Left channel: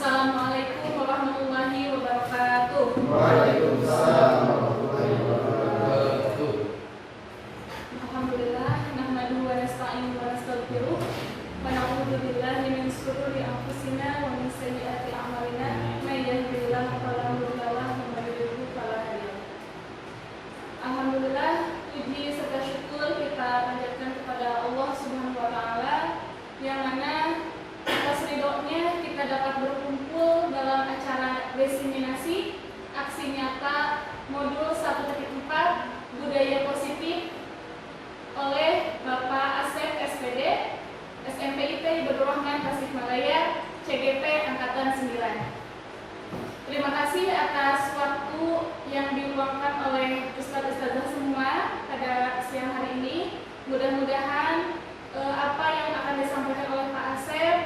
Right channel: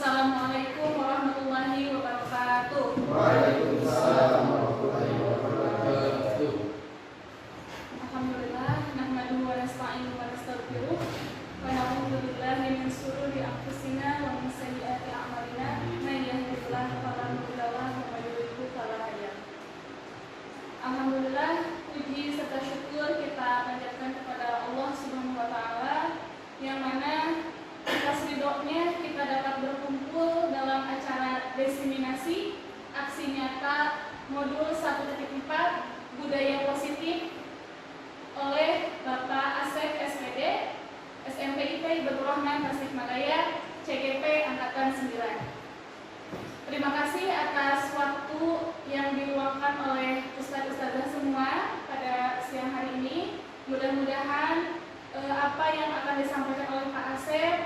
Assalamualaikum warahmatullahi wabarakatuh. Waalaikumsalam warahmatullahi wabarakatuh. Alhamdulillah, nahmaduhu wa nasta'inuhu wa nastaghfiruh wa na'udzu billahi min shururi anfusina wa min sayyiati a'malina may yahdihillahu fala mudilla lahu wa may yudlil fala hadiya lahu. Alhamdulillah, puji serta syukur kita panjatkan kepada Allah Subhanahu wa taala yang mana atas ridhonya kita dapat berkumpul dalam acara diseminasi aksi nyata modul 1.4 budaya positif oleh Bapak Asep SPD SMPIT Ibadul Rahman Tasikmalaya CGP Angkatan 9. Terima kasih atas waktu yang diluangkan oleh ustaz-ustazah semua pada siang hari ini. Mudah-mudahan apa yang akan disampaikan oleh Pak Asep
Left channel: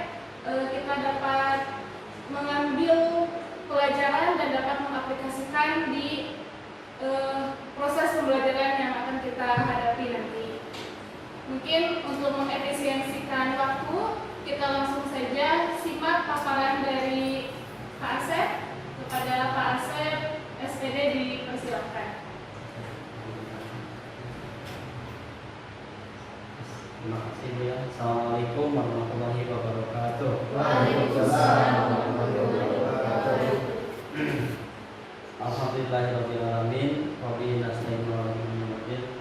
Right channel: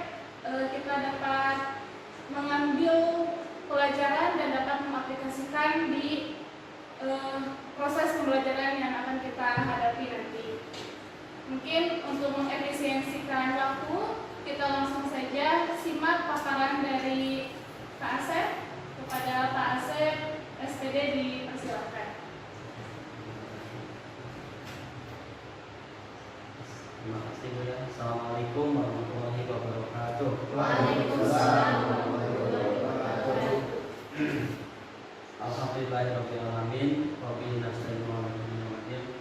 kita dapat mengambil pelajaran dan dapat mengaplikasikan di proses pembelajaran yang akan kita hadapi nanti. Mungkin untuk mengefisiensikan waktu, kita langsung saja simak paparan dari Pak Asep. Kepada Pak Asep SPD dipersilakan. Terima kasih Bu ya. Assalamualaikum warahmatullahi wabarakatuh. Waalaikumsalam warahmatullahi wabarakatuh. Alhamdulillahirabbil alamin. Wa bihi nasta'inu ala umuri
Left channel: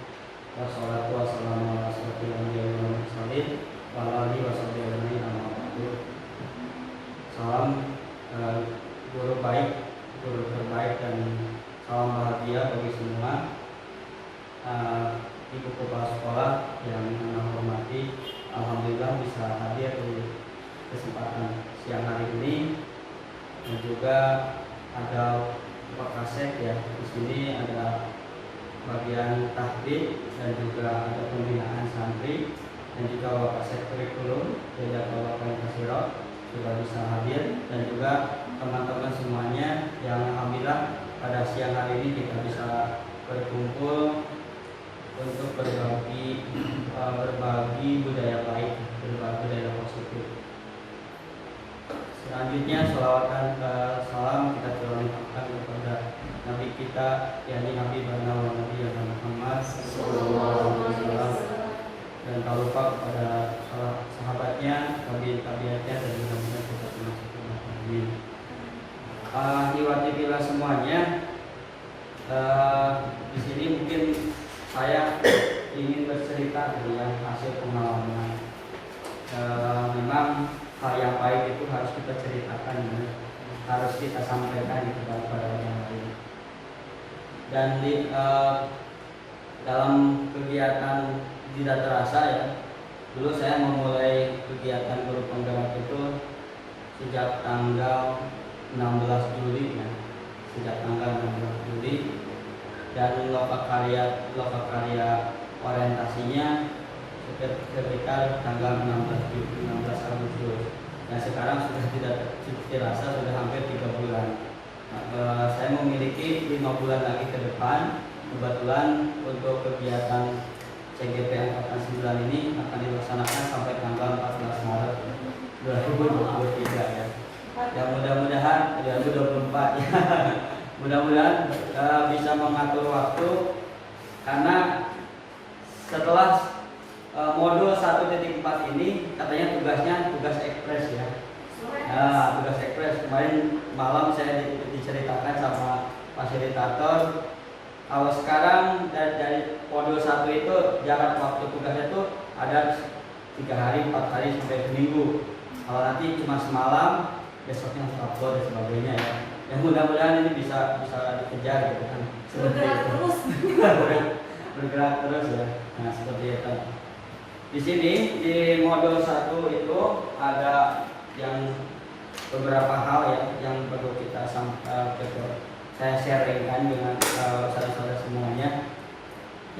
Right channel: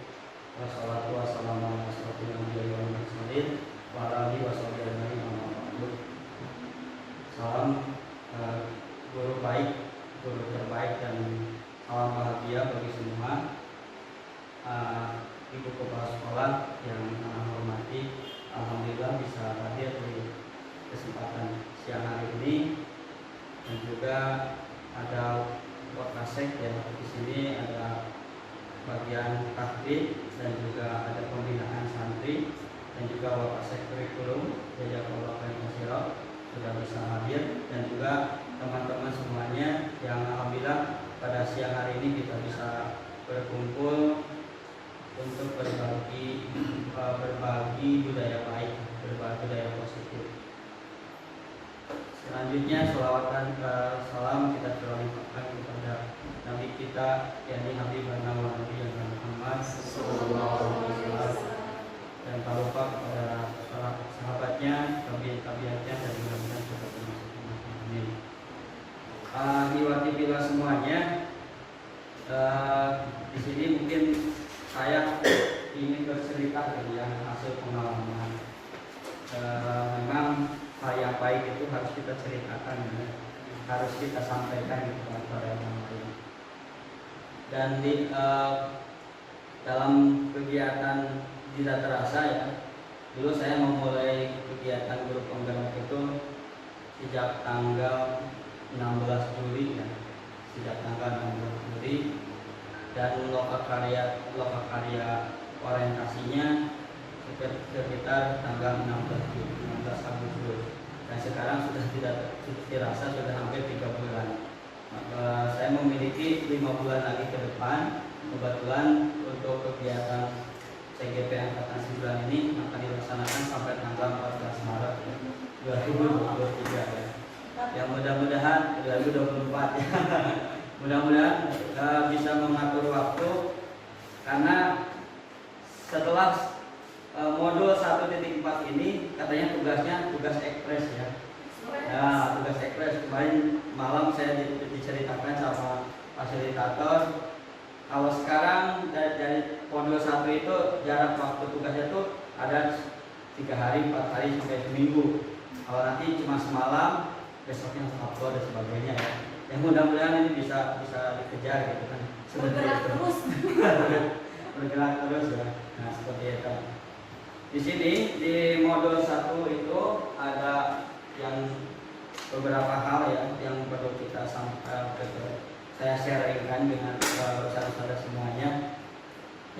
wassalatu wassalamu ala asyrofil anbiya'i wal mursalin wa ala alihi washabbihi ajmain amma ba'du. Salam guru baik, guru terbaik dan salam bahagia bagi semua. Ibu kepala sekolah yang anak hormati, alhamdulillah bisa hadir di kesempatan siang hari ini, dan juga ada Pak Kasek ya di sini, ada bagian tahfidz dan juga ada pembinaan santri, dan juga Bapak Sek Kurikulum Beda Bapak Kasirot juga bisa hadir, dan juga teman-teman semuanya yang alhamdulillah pada siang hari ini kita bisa berkumpul untuk berbagi budaya baik, berbagi budaya positif. Selanjutnya sholawat salam kita curahkan kepada Nabi kita yakni Nabi Nabi Muhammad sallallahu alaihi wasallam, dan tak lupa kepada sahabatnya, tabiatnya, dan mudah-mudahan kita termasuk amin. Diwakili semuanya, di sini mungkin saya ingin bercerita dari yang hasil pengalaman. Memang hal yang baik itu harus kita ceritakan, ya. Harus kita sampaikan kepada yang lain. Dan di dalam kegiatan tidak terasa ya, dulu saya memulai kegiatan guru penggerak itu sejak tanggal 16 Juli ya, sejak tanggal 16 Juli. Dan lokakarya orientasinya sekitar tanggal 16 Agustus, dan sekarang sudah tidak dirasa sudah hampir 3 bulan. Saya memiliki 5 bulan lagi ke depan. Kebetulan untuk kegiatan CGP Angkatan 9 ini akan dilaksanakan sampai tanggal 14 Maret 2023 ya. Ya mudah-mudahan 2024 ya. Mudah-mudahan bisa mengatur waktu, karena setelah modul 1.4 ini katanya tugasnya tugas ekspres ya. Nah, tugas ekspres kemarin malam saya diceritakan sama fasilitator. Kalau sekarang dari modul 1 itu jarak waktu tugasnya itu ada 3 hari, 4 hari sampai seminggu. Kalau nanti cuma semalam, besoknya upload dan sebagainya ya. Yang mudah-mudahan ini bisa dikejar gitu kan. Bergerak terus ya. Nah, seperti itu. Di sini di modul 1 itu ada yang beberapa hal ya yang perlu kita saya sharingkan dengan saudara-saudara semuanya.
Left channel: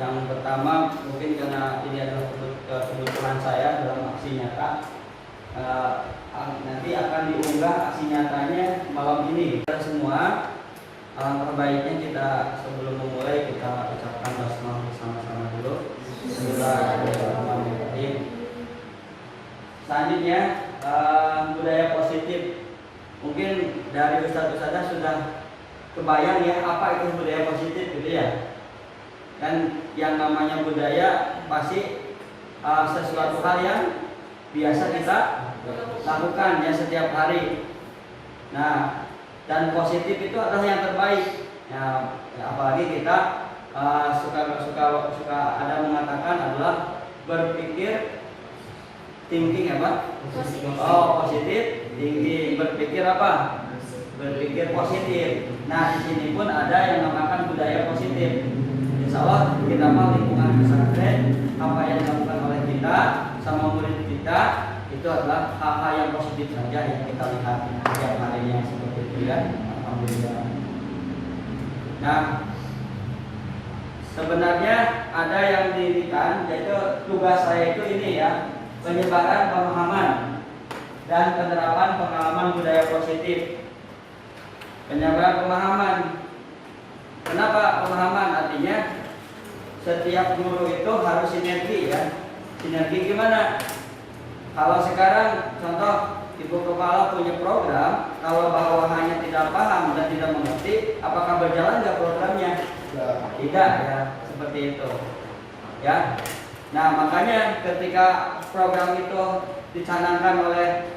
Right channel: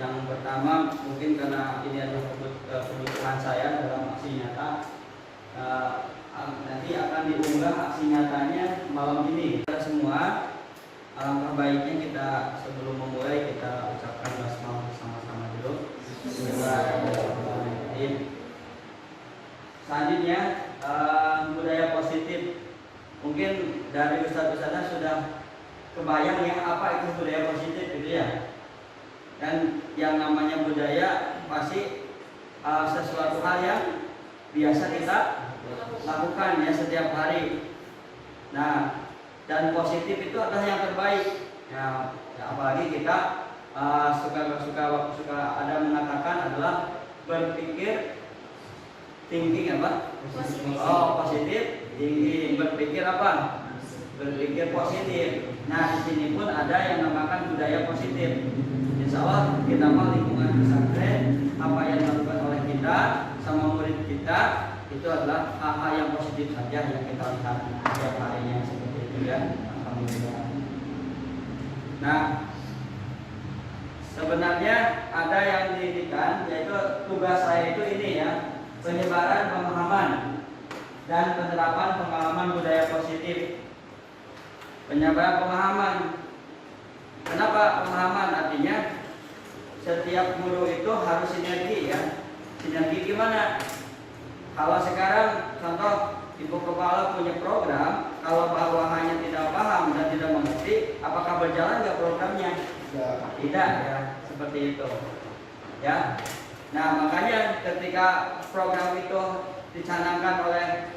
Yang pertama mungkin karena ini adalah kebutuhan saya dalam aksi nyata, nanti akan diunggah aksi nyatanya malam ini. Kita semua baiknya kita sebelum memulai kita ucapkan basmalah bersama-sama dulu. Bismillahirrahmanirrahim. Selanjutnya budaya positif mungkin dari ustadz-ustadznya sudah kebayang ya apa itu budaya positif gitu ya. Dan yang namanya budaya pasti sesuatu hal yang biasa kita lakukan ya setiap hari. Nah, dan positif itu adalah yang terbaik. Ya, apalagi kita suka ada mengatakan adalah berpikir thinking apa? Positif. Oh, positif thinking, berpikir apa? Berpikir positif. Nah, di sini pun ada yang namakan budaya positif. Insya Allah kita mah lingkungan pesantren, apa yang dilakukan oleh kita sama murid kita itu adalah hal-hal yang positif saja yang kita lihat setiap harinya seperti itu ya. Alhamdulillah. Nah, sebenarnya ada yang didirikan, yaitu tugas saya itu ini ya, penyebaran pemahaman dan penerapan pengalaman budaya positif. Penyebaran pemahaman. Kenapa pemahaman? Artinya setiap guru itu harus sinergi ya. Sinergi gimana? Kalau sekarang contoh ibu kepala punya program, kalau bawahannya tidak paham dan tidak mengerti, apakah berjalan nggak programnya? Tidak ya, seperti itu. Ya. Nah, makanya ketika program itu dicanangkan oleh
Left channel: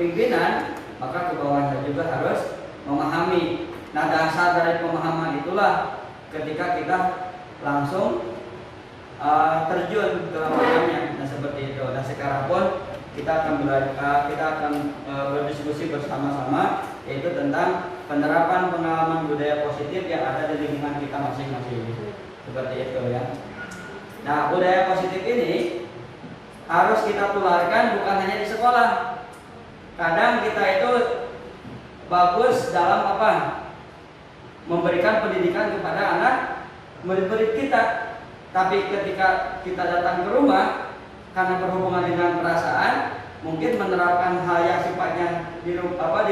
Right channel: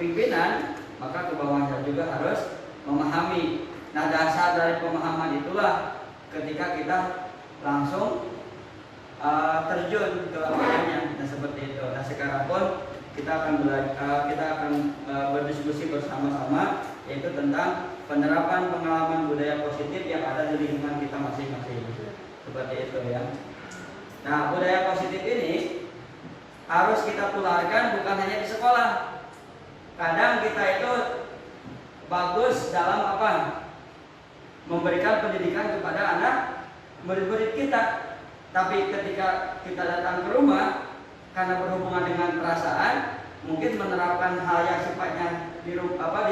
pimpinan, maka ke bawahnya juga harus memahami. Nah, dasar dari pemahaman itulah ketika kita langsung terjun ke lapangannya. Nah, seperti itu. Nah, sekarang pun kita akan berdiskusi bersama-sama, yaitu tentang penerapan pengalaman budaya positif yang ada di lingkungan kita masing-masing. Seperti itu ya. Nah, budaya positif ini harus kita tularkan bukan hanya di sekolah. Kadang kita itu bagus dalam apa? Memberikan pendidikan kepada anak murid-murid kita. Tapi ketika kita datang ke rumah, karena berhubungan dengan perasaan, mungkin menerapkan hal yang sifatnya di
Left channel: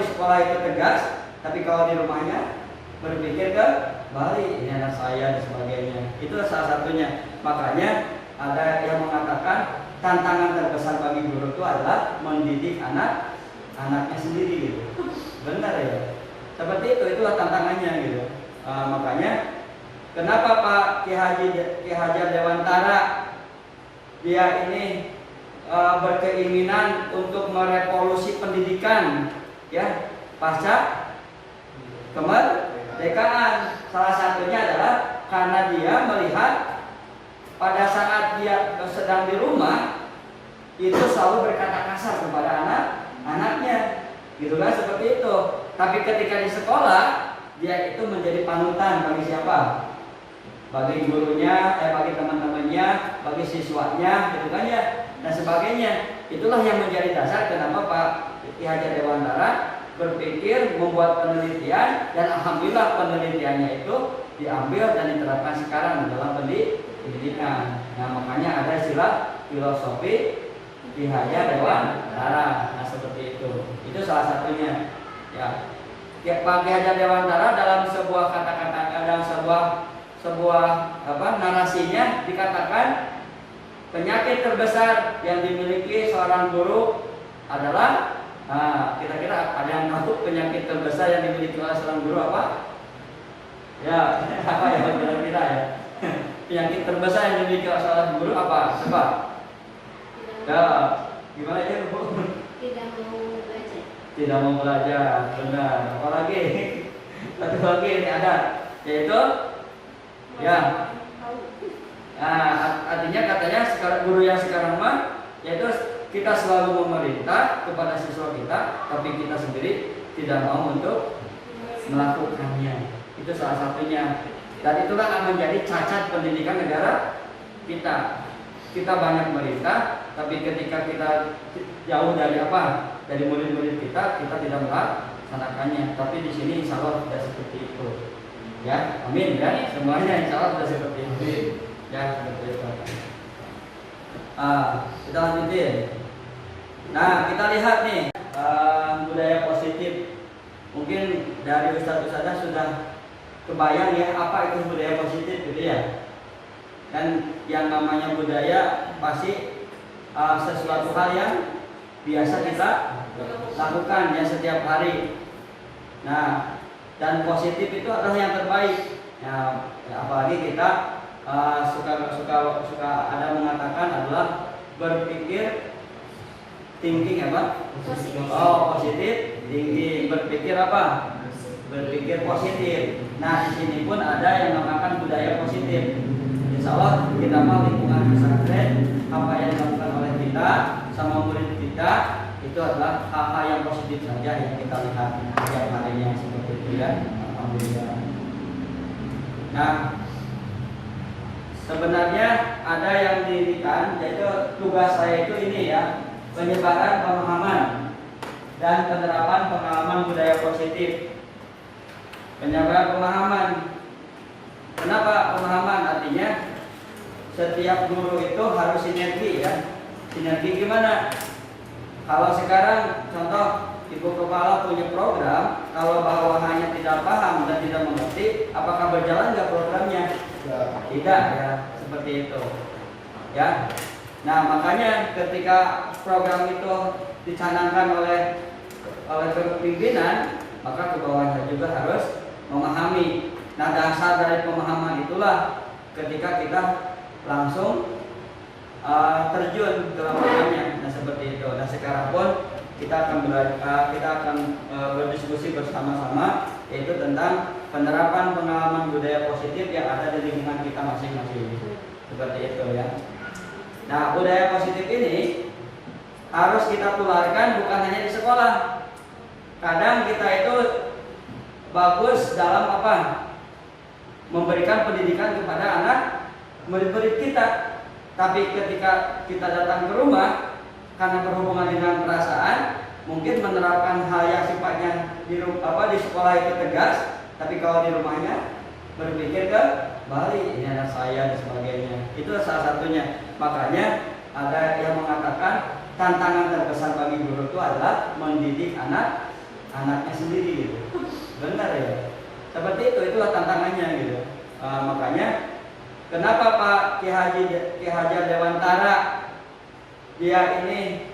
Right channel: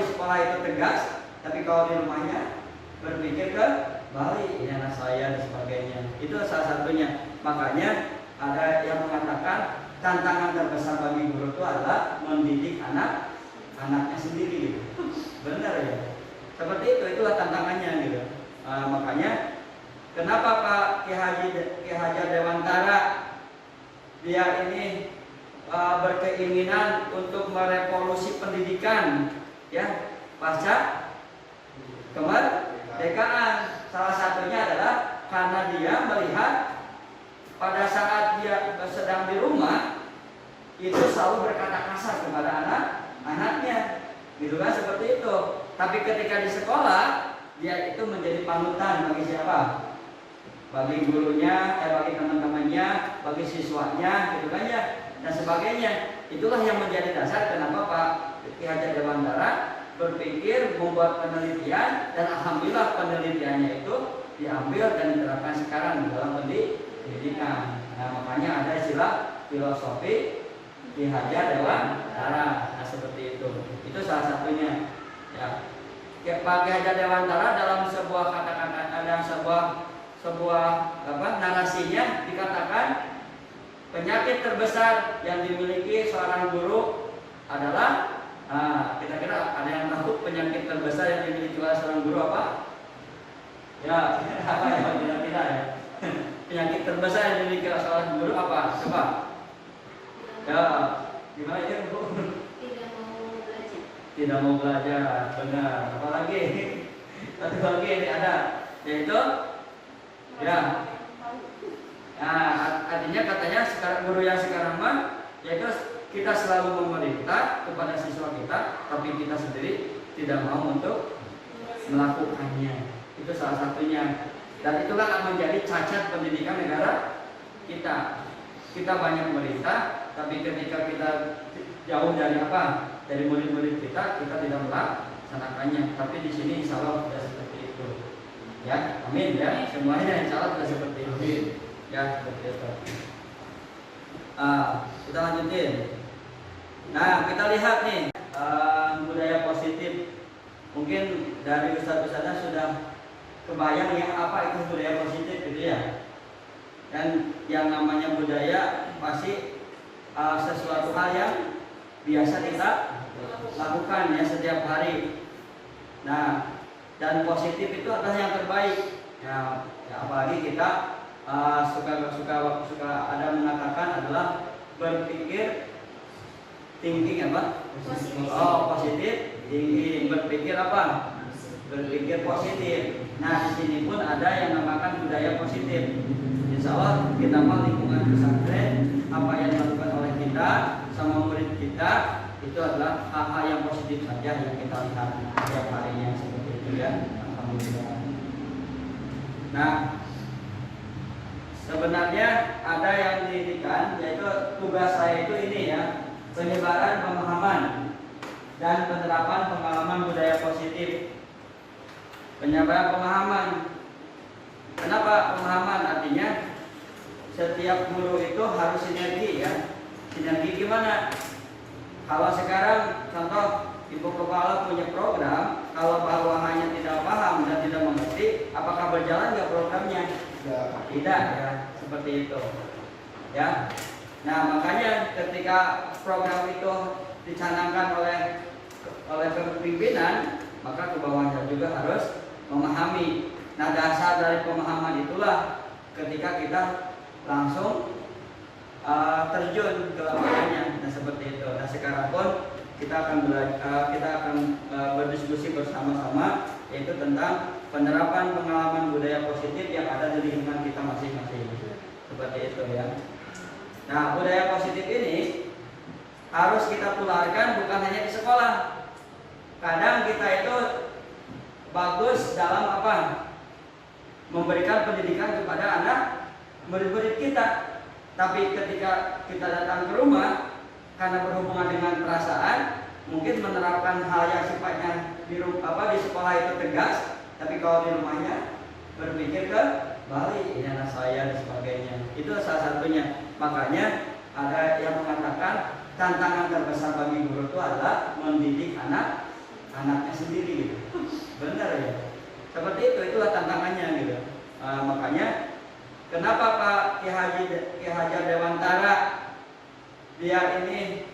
sekolah itu tegas, tapi kalau di rumahnya berpikir ke balik, ini anak saya dan sebagainya. Itu salah satunya. Makanya ada yang mengatakan tantangan terbesar bagi guru itu adalah mendidik anaknya sendiri gitu. Benar ya? Seperti itu, itulah tantangannya gitu. Makanya kenapa Pak Ki Hajar Dewantara dia ini berkeinginan untuk merevolusi pendidikan ya pasca kemerdekaan. Salah satunya adalah karena dia melihat pada saat dia sedang di rumah itu selalu berkata kasar kepada anaknya, gitu kan, seperti itu. Tapi ketika di sekolah dia itu menjadi panutan bagi siapa? Bagi gurunya, bagi teman-temannya, bagi siswanya, gitu kan ya, dan sebagainya. Itulah yang menjadi dasar kenapa Pak Ki Hajar Dewantara berpikir membuat penelitian, dan alhamdulillah penelitiannya itu diambil dan diterapkan sekarang dalam pendidikan. Nah, makanya ada istilah filosofi Ki Hajar Dewantara. Nah, seperti itu. Itu salah satunya. Ya, Pak Ki Hajar Dewantara dalam sebuah kata-kata, dalam sebuah narasinya dikatakan penyakit terbesar yang dimiliki seorang guru adalah kira-kira ada yang tahu penyakit terbesar yang dimiliki oleh seorang guru apa? Ya, apa ya kira-kira ya? Penyakit terbesar yang dimiliki oleh seorang guru apa? Coba. Ya, gimana ya Bu? Tidak mau belajar, benar. Apalagi satu lagi ini ada, yaitu ya. Nah, artinya katanya sekarang guru yang sekarang mah yaitu kita selalu memerintah kepada siswa kita, tapi kita sendiri tidak mau untuk melakukannya. Itu salah satunya. Dan itulah akan menjadi cacat pendidikan negara kita. Kita banyak merintah, tapi ketika kita jauh dari dari murid-murid kita tidak melaksanakannya. Tapi di sini insya Allah tidak seperti itu. Ya, amin ya. Semuanya insya Allah sudah seperti itu. Ya, seperti itu. Kita lanjutin. Nah, kita lihat nih budaya positif. Mungkin dari ustadz-ustadznya sudah kebayang ya apa itu budaya positif gitu ya. Dan yang namanya budaya pasti sesuatu hal yang biasa kita lakukan ya setiap hari. Nah, dan positif itu adalah yang terbaik. Ya, apalagi kita suka ada mengatakan adalah berpikir thinking apa? Oh, positif thinking, berpikir apa? Berpikir positif. Nah, di sini pun ada yang mengatakan budaya positif. Insya Allah kita mah lingkungan pesantren, apa yang dilakukan oleh kita sama murid kita itu adalah hal-hal yang positif saja yang kita lihat setiap harinya seperti itu ya. Alhamdulillah. Nah, sebenarnya ada yang didirikan, yaitu tugas saya itu ini ya, penyebaran pemahaman dan penerapan pengalaman budaya positif. Penyebaran pemahaman. Kenapa pemahaman? Artinya setiap guru itu harus sinergi ya. Sinergi gimana? Kalau sekarang contoh ibu kepala punya program, kalau bawahannya tidak paham dan tidak mengerti, apakah berjalan nggak programnya? Tidak ya, seperti itu. Ya. Nah, makanya ketika program itu dicanangkan oleh kepimpinan, maka ke bawahnya juga harus memahami. Nah, dasar dari pemahaman itulah ketika kita langsung terjun ke lapangannya. Nah, seperti itu. Nah, sekarang pun kita akan berdiskusi bersama-sama, yaitu tentang penerapan pengalaman budaya positif yang ada di lingkungan kita masing-masing. Seperti itu ya. Nah, budaya positif ini harus kita tularkan bukan hanya di sekolah. Kadang kita itu bagus dalam apa? Memberikan pendidikan kepada anak murid-murid kita. Tapi ketika kita datang ke rumah, karena berhubungan dengan perasaan, mungkin menerapkan hal yang sifatnya di sekolah itu tegas, tapi kalau di rumahnya berpikir ke balik, ini anak saya dan sebagainya. Itu salah satunya. Makanya ada yang mengatakan tantangan terbesar bagi guru itu adalah mendidik anaknya sendiri gitu. Benar ya? Seperti itu, itulah tantangannya gitu. Makanya kenapa Pak Ki Haji Dewantara dia ini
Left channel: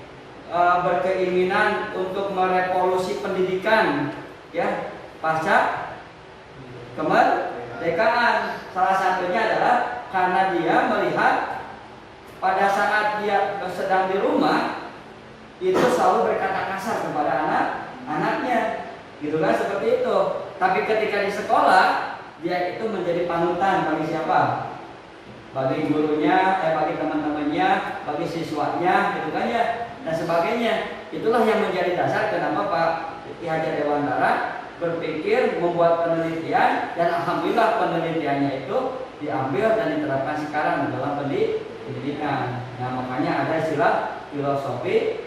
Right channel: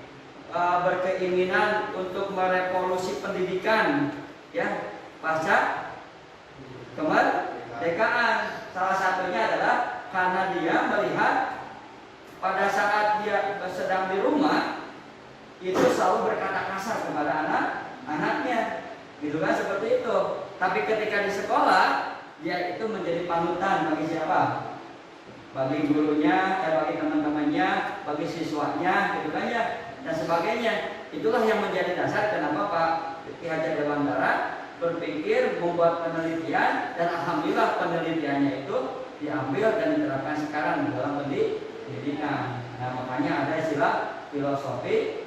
berkeinginan untuk merevolusi pendidikan ya pasca kemerdekaan. Salah satunya adalah karena dia melihat pada saat dia sedang di rumah itu selalu berkata kasar kepada anaknya, gitu kan, seperti itu. Tapi ketika di sekolah dia itu menjadi panutan bagi siapa? Bagi gurunya, bagi teman-temannya, bagi siswanya, gitu kan ya, dan sebagainya. Itulah yang menjadi dasar kenapa Pak Ki Haji Dewantara berpikir membuat penelitian, dan alhamdulillah penelitiannya itu diambil dan diterapkan sekarang dalam pendidikan. Nah, makanya ada istilah filosofi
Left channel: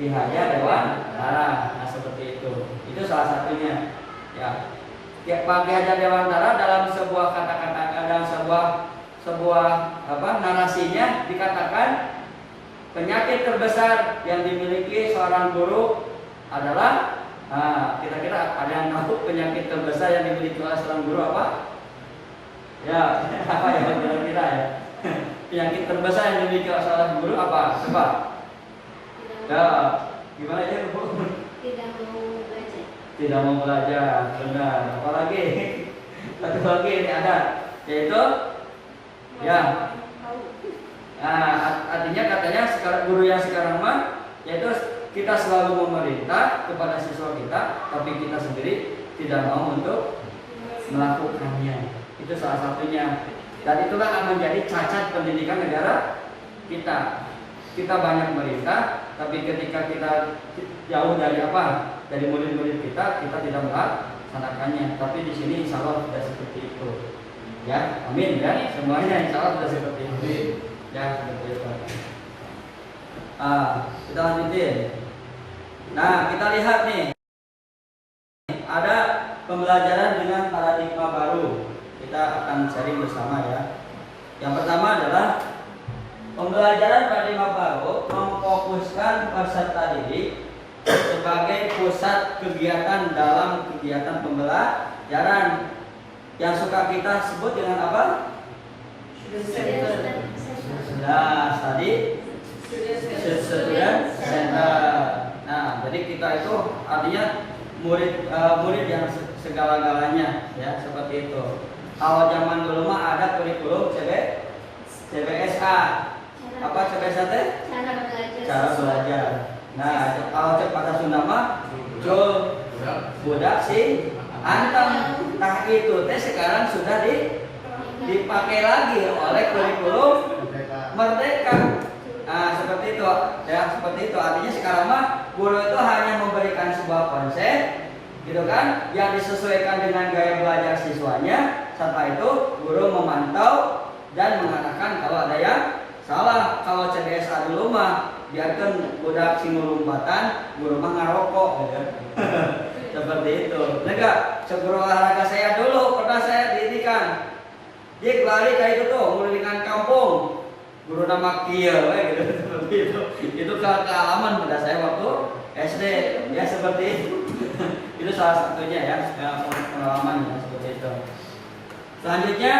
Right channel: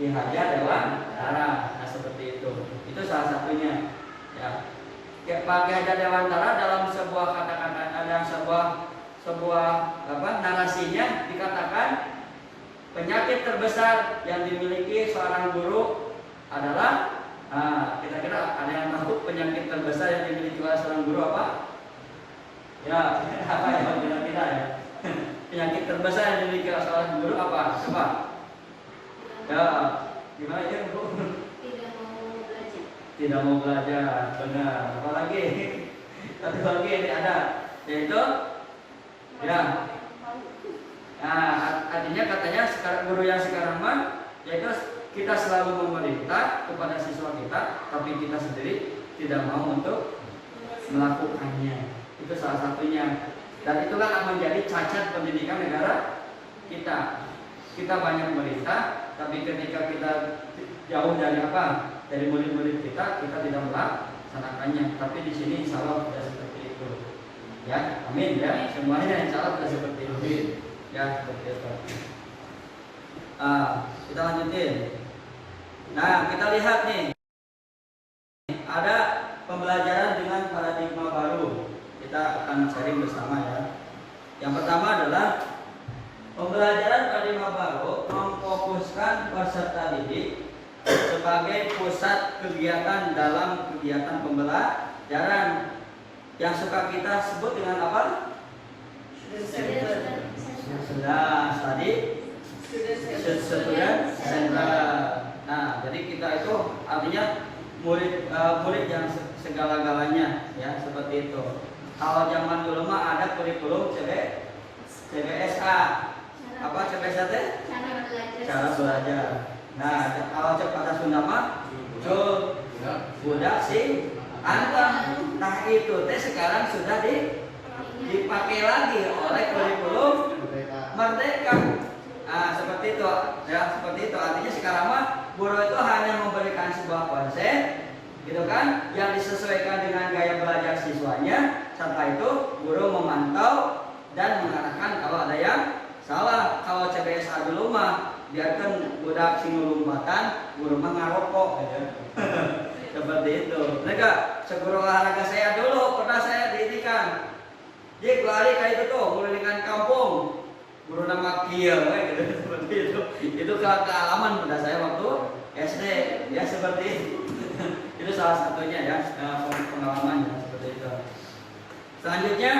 Ki Haji Dewantara. Nah, seperti itu. Itu salah satunya. Ya, Pak Ki Haji Dewantara dalam sebuah kata-kata dan sebuah narasinya dikatakan penyakit terbesar yang dimiliki seorang guru adalah kira-kira ada yang tahu penyakit terbesar yang dimiliki oleh seorang guru apa? Ya, apa ya kira-kira ya? Penyakit terbesar yang dimiliki oleh seorang guru apa? Coba. Ya, gimana ya Bu? Tidak mau belajar. Tidak mau belajar, benar. Apalagi satu lagi ini ada, yaitu ya. Nah, artinya katanya sekarang guru yang sekarang mah yaitu kita selalu memerintah kepada siswa kita, tapi kita sendiri tidak mau untuk melakukannya. Itu salah satunya. Dan itulah akan menjadi cacat pendidikan negara kita. Kita banyak merintah, tapi ketika kita jauh dari dari murid-murid kita tidak melaksanakannya. Tapi di sini insya Allah tidak seperti itu. Ya, amin ya. Semuanya insya Allah tidak seperti itu. Ya, seperti itu. Kita lanjutin. Nah, kita lihat nih, ada pembelajaran dengan paradigma baru. Kita akan sharing bersama ya. Yang pertama adalah pembelajaran paradigma baru memfokuskan peserta didik sebagai pusat kegiatan dalam kegiatan pembelajaran yang suka kita sebut dengan apa? Nah, tadi student center. kita itu artinya murid yang segala-galanya, ya seperti itu. Kalau zaman dulu mah ada kurikulum CBSA. Apa CBSA teh? Cara belajar. Nah, kalau pada Sunda mah Jul budak sing antem. Nah itu teh sekarang sudah dipakai lagi oleh kurikulum Merdeka. Nah, seperti itu. Ya, seperti itu. Artinya sekarang mah guru itu hanya memberikan sebuah konsep gitu kan, yang disesuaikan dengan gaya belajar siswanya. Setelah itu guru memantau dan mengarahkan kalau ada yang salah. Kalau CBSA dulu mah biarkan budak sing lompatan, guru mah ngarokok gitu. Seperti itu. Enggak, seguru olahraga saya dulu pernah saya didikan. Dia lari kayak itu tuh, ngelilingan kampung. Guru nama kieu gitu seperti itu. Itu kealaman pada saya waktu SD, ya seperti itu. Itu salah satunya ya, pengalamannya seperti itu. Selanjutnya,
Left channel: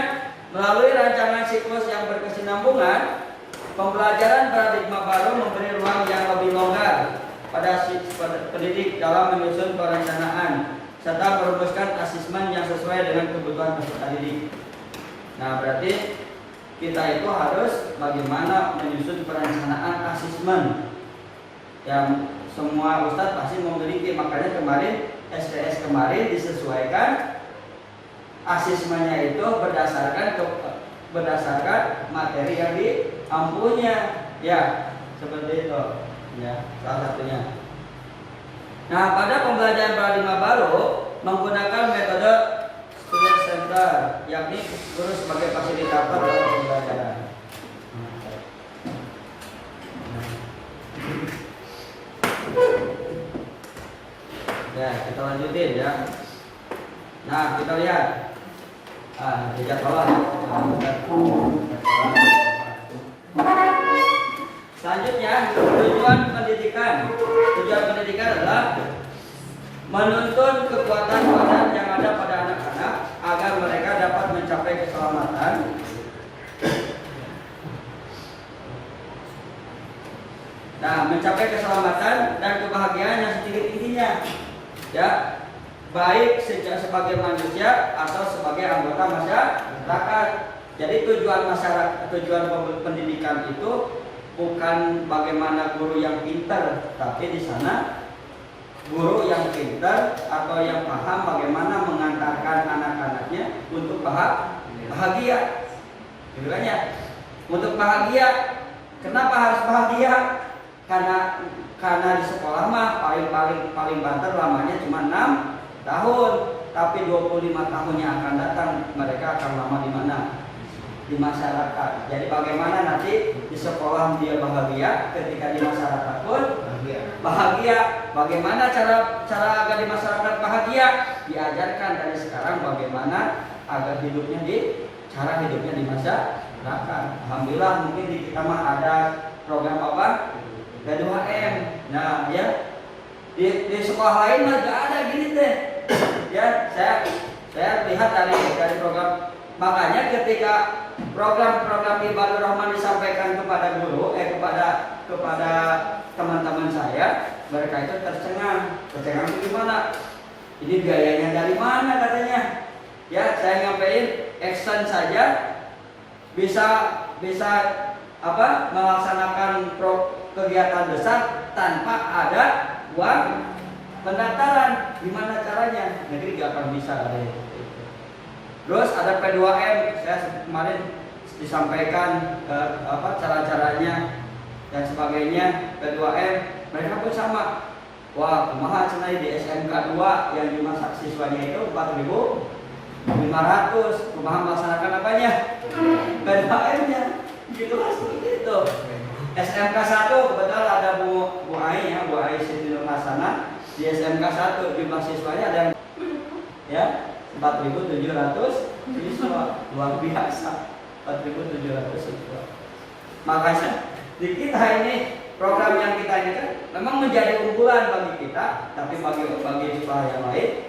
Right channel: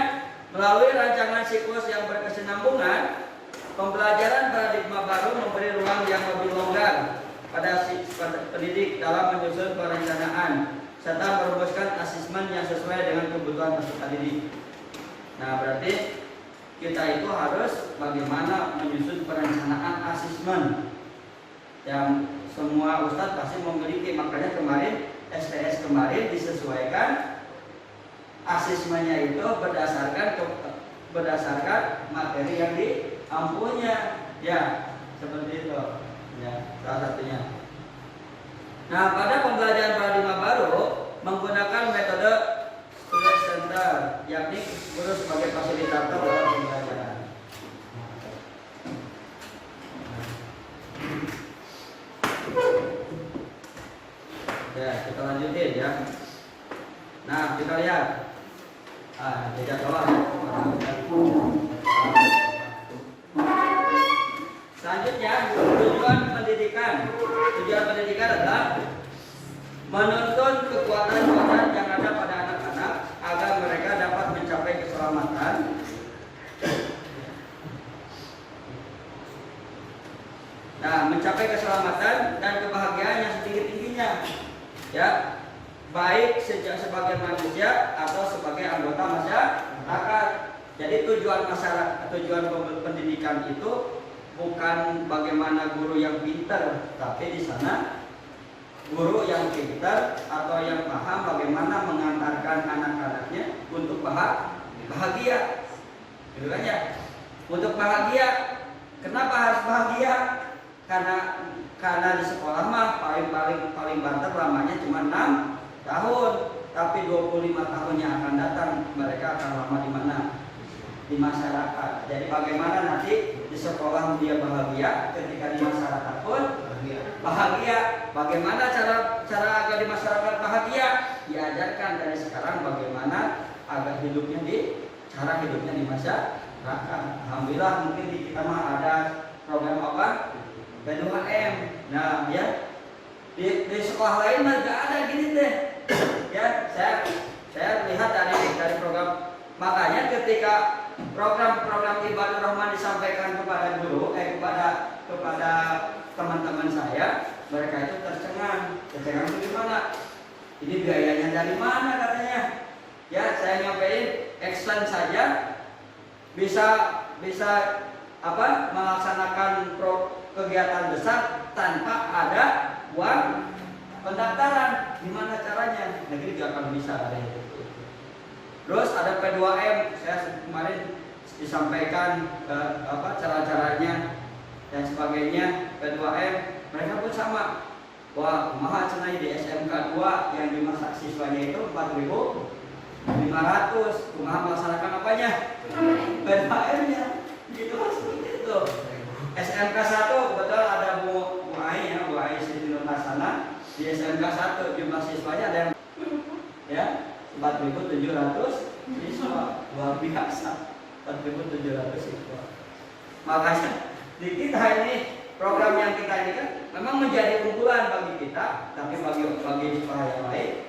melalui rancangan siklus yang berkesinambungan, pembelajaran paradigma baru memberi ruang yang lebih longgar pada pendidik dalam menyusun perencanaan serta merumuskan asesmen yang sesuai dengan kebutuhan peserta didik. Nah, berarti kita itu harus bagaimana menyusun perencanaan asesmen yang semua ustadz pasti memiliki. Makanya kemarin STS kemarin disesuaikan asesmennya itu berdasarkan materi yang diampunya, ya seperti itu, ya salah satunya. Nah, pada pembelajaran paradigma baru menggunakan metode student center, yakni guru sebagai fasilitator dalam pembelajaran. Ya, kita lanjutin ya. Nah, kita lihat. Tiga tolong ya. Selanjutnya, tujuan pendidikan. Tujuan pendidikan adalah menuntun kekuatan rohani yang ada pada anak-anak agar mereka dapat mencapai keselamatan, mencapai keselamatan dan kebahagiaan yang setinggi-tingginya, ya, baik sebagai manusia atau sebagai anggota masyarakat. Jadi tujuan pendidikan itu bukan bagaimana guru yang pintar, tapi di sana guru yang pintar atau yang paham bagaimana mengantarkan anak-anaknya untuk bahagia. Gitu kan ya? Untuk bahagia. Kenapa harus bahagia? Karena di sekolah mah paling banter lamanya cuma 6 tahun, tapi 25 tahun yang akan datang mereka akan lama di mana? Di masyarakat. Jadi bagaimana nanti di sekolah dia bahagia, ketika di masyarakat pun bahagia. Bagaimana cara agar di masyarakat bahagia? Diajarkan dari sekarang bagaimana agar cara hidupnya di masyarakat. Alhamdulillah mungkin di kita mah ada program apa? P2M. Nah, ya di sekolah lain mah nggak ada gini deh. Ya, saya lihat dari program. Makanya ketika program-program Ibadur Rahman disampaikan kepada guru, kepada teman-teman saya, mereka itu tercengang itu gimana? Ini biayanya dari mana katanya? Ya, saya nyampein action saja bisa melaksanakan kegiatan besar tanpa ada uang pendaftaran. Gimana caranya? Negeri gak akan bisa ada itu. Terus ada P2M, saya kemarin disampaikan cara-caranya dan sebagainya. P2M mereka pun sama. Wah, kumaha cenah di SMK 2 yang dimasak siswanya itu 4.500. Kumaha melaksanakan apanya? P2M-nya. Gitu lah seperti itu. SMK 1 kebetulan ada Bu Ai ya, Bu Ai Siti Nurhasana. Di SMK 1 jumlah siswanya ada yang ya 4.700 siswa, luar biasa. 4.700 siswa. Makanya di kita ini program yang kita ini kan memang menjadi unggulan bagi kita, tapi bagi sekolah yang lain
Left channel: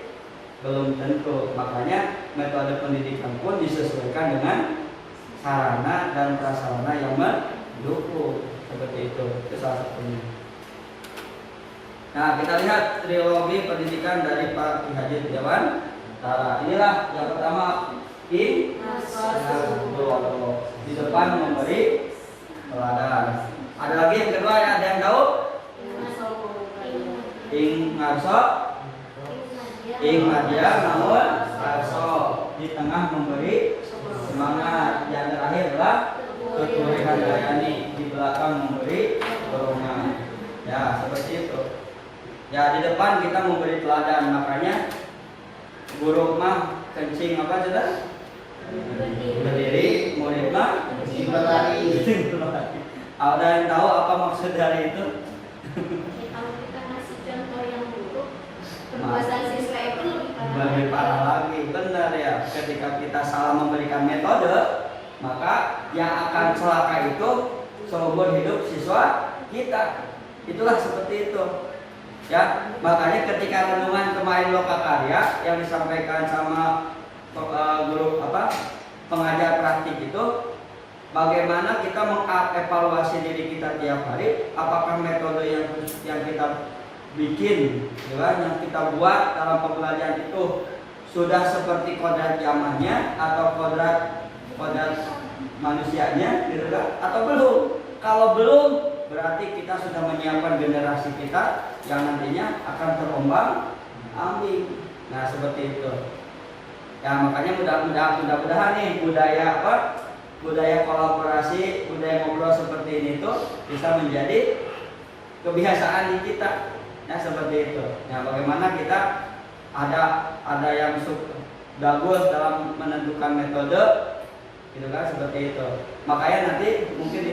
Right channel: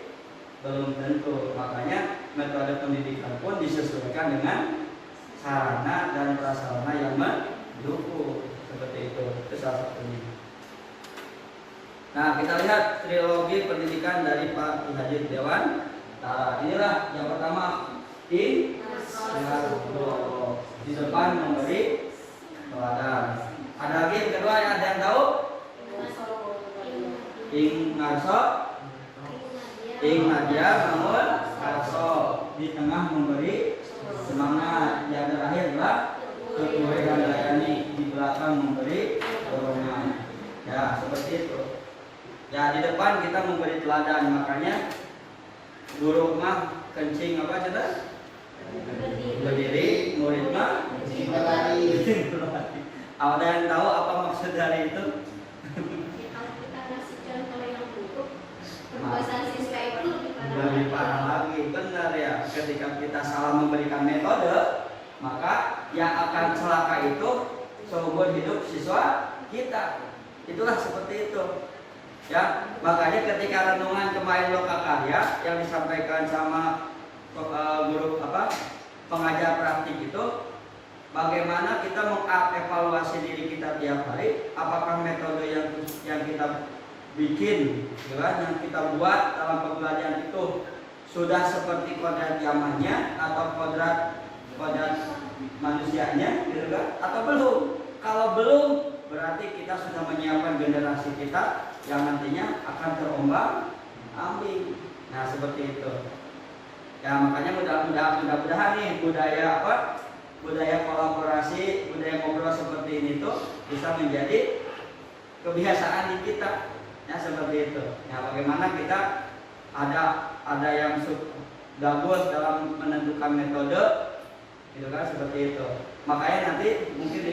belum tentu. Makanya metode pendidikan pun disesuaikan dengan sarana dan prasarana yang mendukung, seperti itu. Itu salah satunya. Nah, kita lihat trilogi pendidikan dari Pak Ki Haji Triawan. Nah, inilah yang pertama in di depan memberi teladan. Ada lagi yang kedua, ada yang tahu? Ing ngarso, ing ngajar, namun ngarso di tengah memberi semangat. Yang terakhir adalah keturi handayani, di belakang memberi dorongan. Ya, seperti itu. Ya, di depan kita memberi teladan, makanya guru mah kencing apa coba? Berdiri, murid mah kencing berlari. Ada yang tahu apa maksud dari itu? Kalau kita ngasih contoh yang buruk, perbuatan siswa itu Lebih parah lagi, benar ya. Ketika kita salah memberikan metode, maka yang akan celaka itu seumur hidup siswa kita. Itulah seperti itu. Ya, makanya ketika renungan kemarin Lokakarya yang disampaikan sama guru pengajar praktik itu, bagaimana kita mengevaluasi diri kita tiap hari, apakah metode yang kita bikin, ya, yang kita buat dalam pembelajaran itu sudah seperti kodrat zamannya atau kodrat manusianya, gitu kan? Atau belum? Kalau belum, berarti kita sudah menyiapkan generasi kita yang nantinya akan terombang-ambing. Nah, seperti itu. Ya, makanya mudah-mudahan nih budaya kolaborasi, budaya ngobrol seperti ini tuh bisa menjadi kebiasaan di kita. Ya, seperti itu. Nah, bagaimana kita ada yang bagus dalam menentukan metode, gitu kan, seperti itu. Makanya nanti mungkin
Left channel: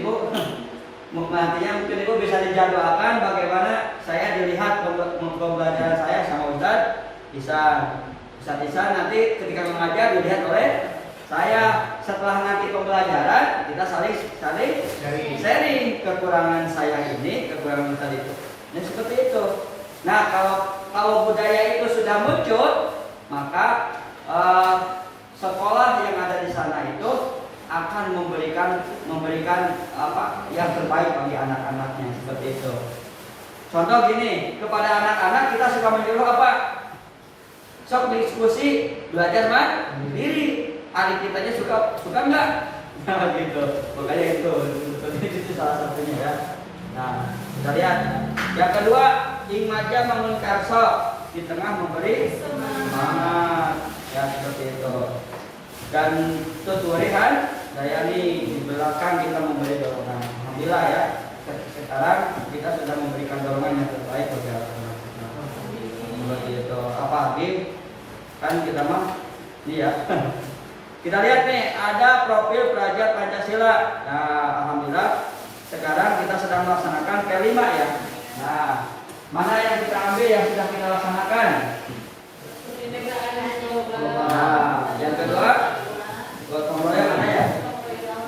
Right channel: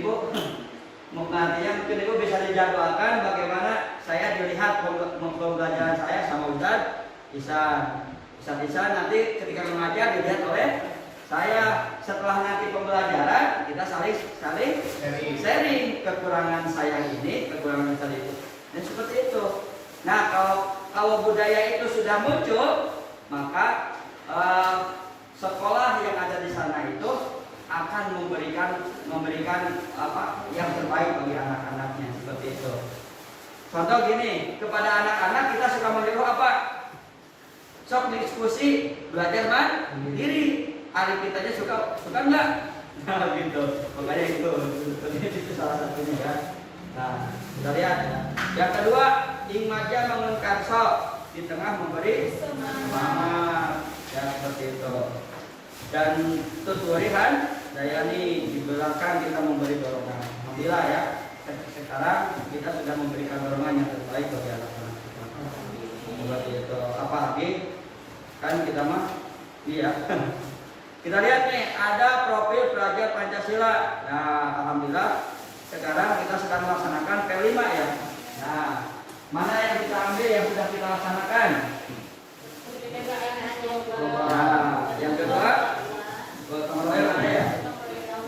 Ibu bisa dijadwalkan bagaimana saya dilihat pembelajaran saya sama Ustadz Ihsan nanti ketika mengajar dilihat oleh saya. Setelah nanti pembelajaran kita saling sharing kekurangan saya ini, kekurangan Ustadz itu. Dan seperti itu. Nah, kalau budaya itu sudah muncul, maka sekolah yang ada di sana itu akan memberikan apa yang terbaik bagi anak-anaknya, seperti itu. Contoh gini, kepada anak-anak kita suka menyuruh apa? Sok diskusi, belajar mandiri. Adik kitanya suka enggak? Nah, gitu. Makanya itu salah satunya ya. Nah, kita lihat. Yang kedua, imaja mengunkarso, di tengah memberi semangat. Ya, seperti itu. Dan tuturihan dayani, di belakang kita memberi dorongan. Alhamdulillah ya. Sekarang kita sudah memberikan dorongan yang terbaik bagi anak-anak. Seperti itu. Apa lagi? Kan kita mah ini ya. Kita lihat nih, ada profil pelajar Pancasila. Nah, alhamdulillah sekarang kita sedang melaksanakan P5 ya. Nah, mana yang kita ambil yang sudah kita laksanakan? Nah, yang kedua, gotong royong mana ya?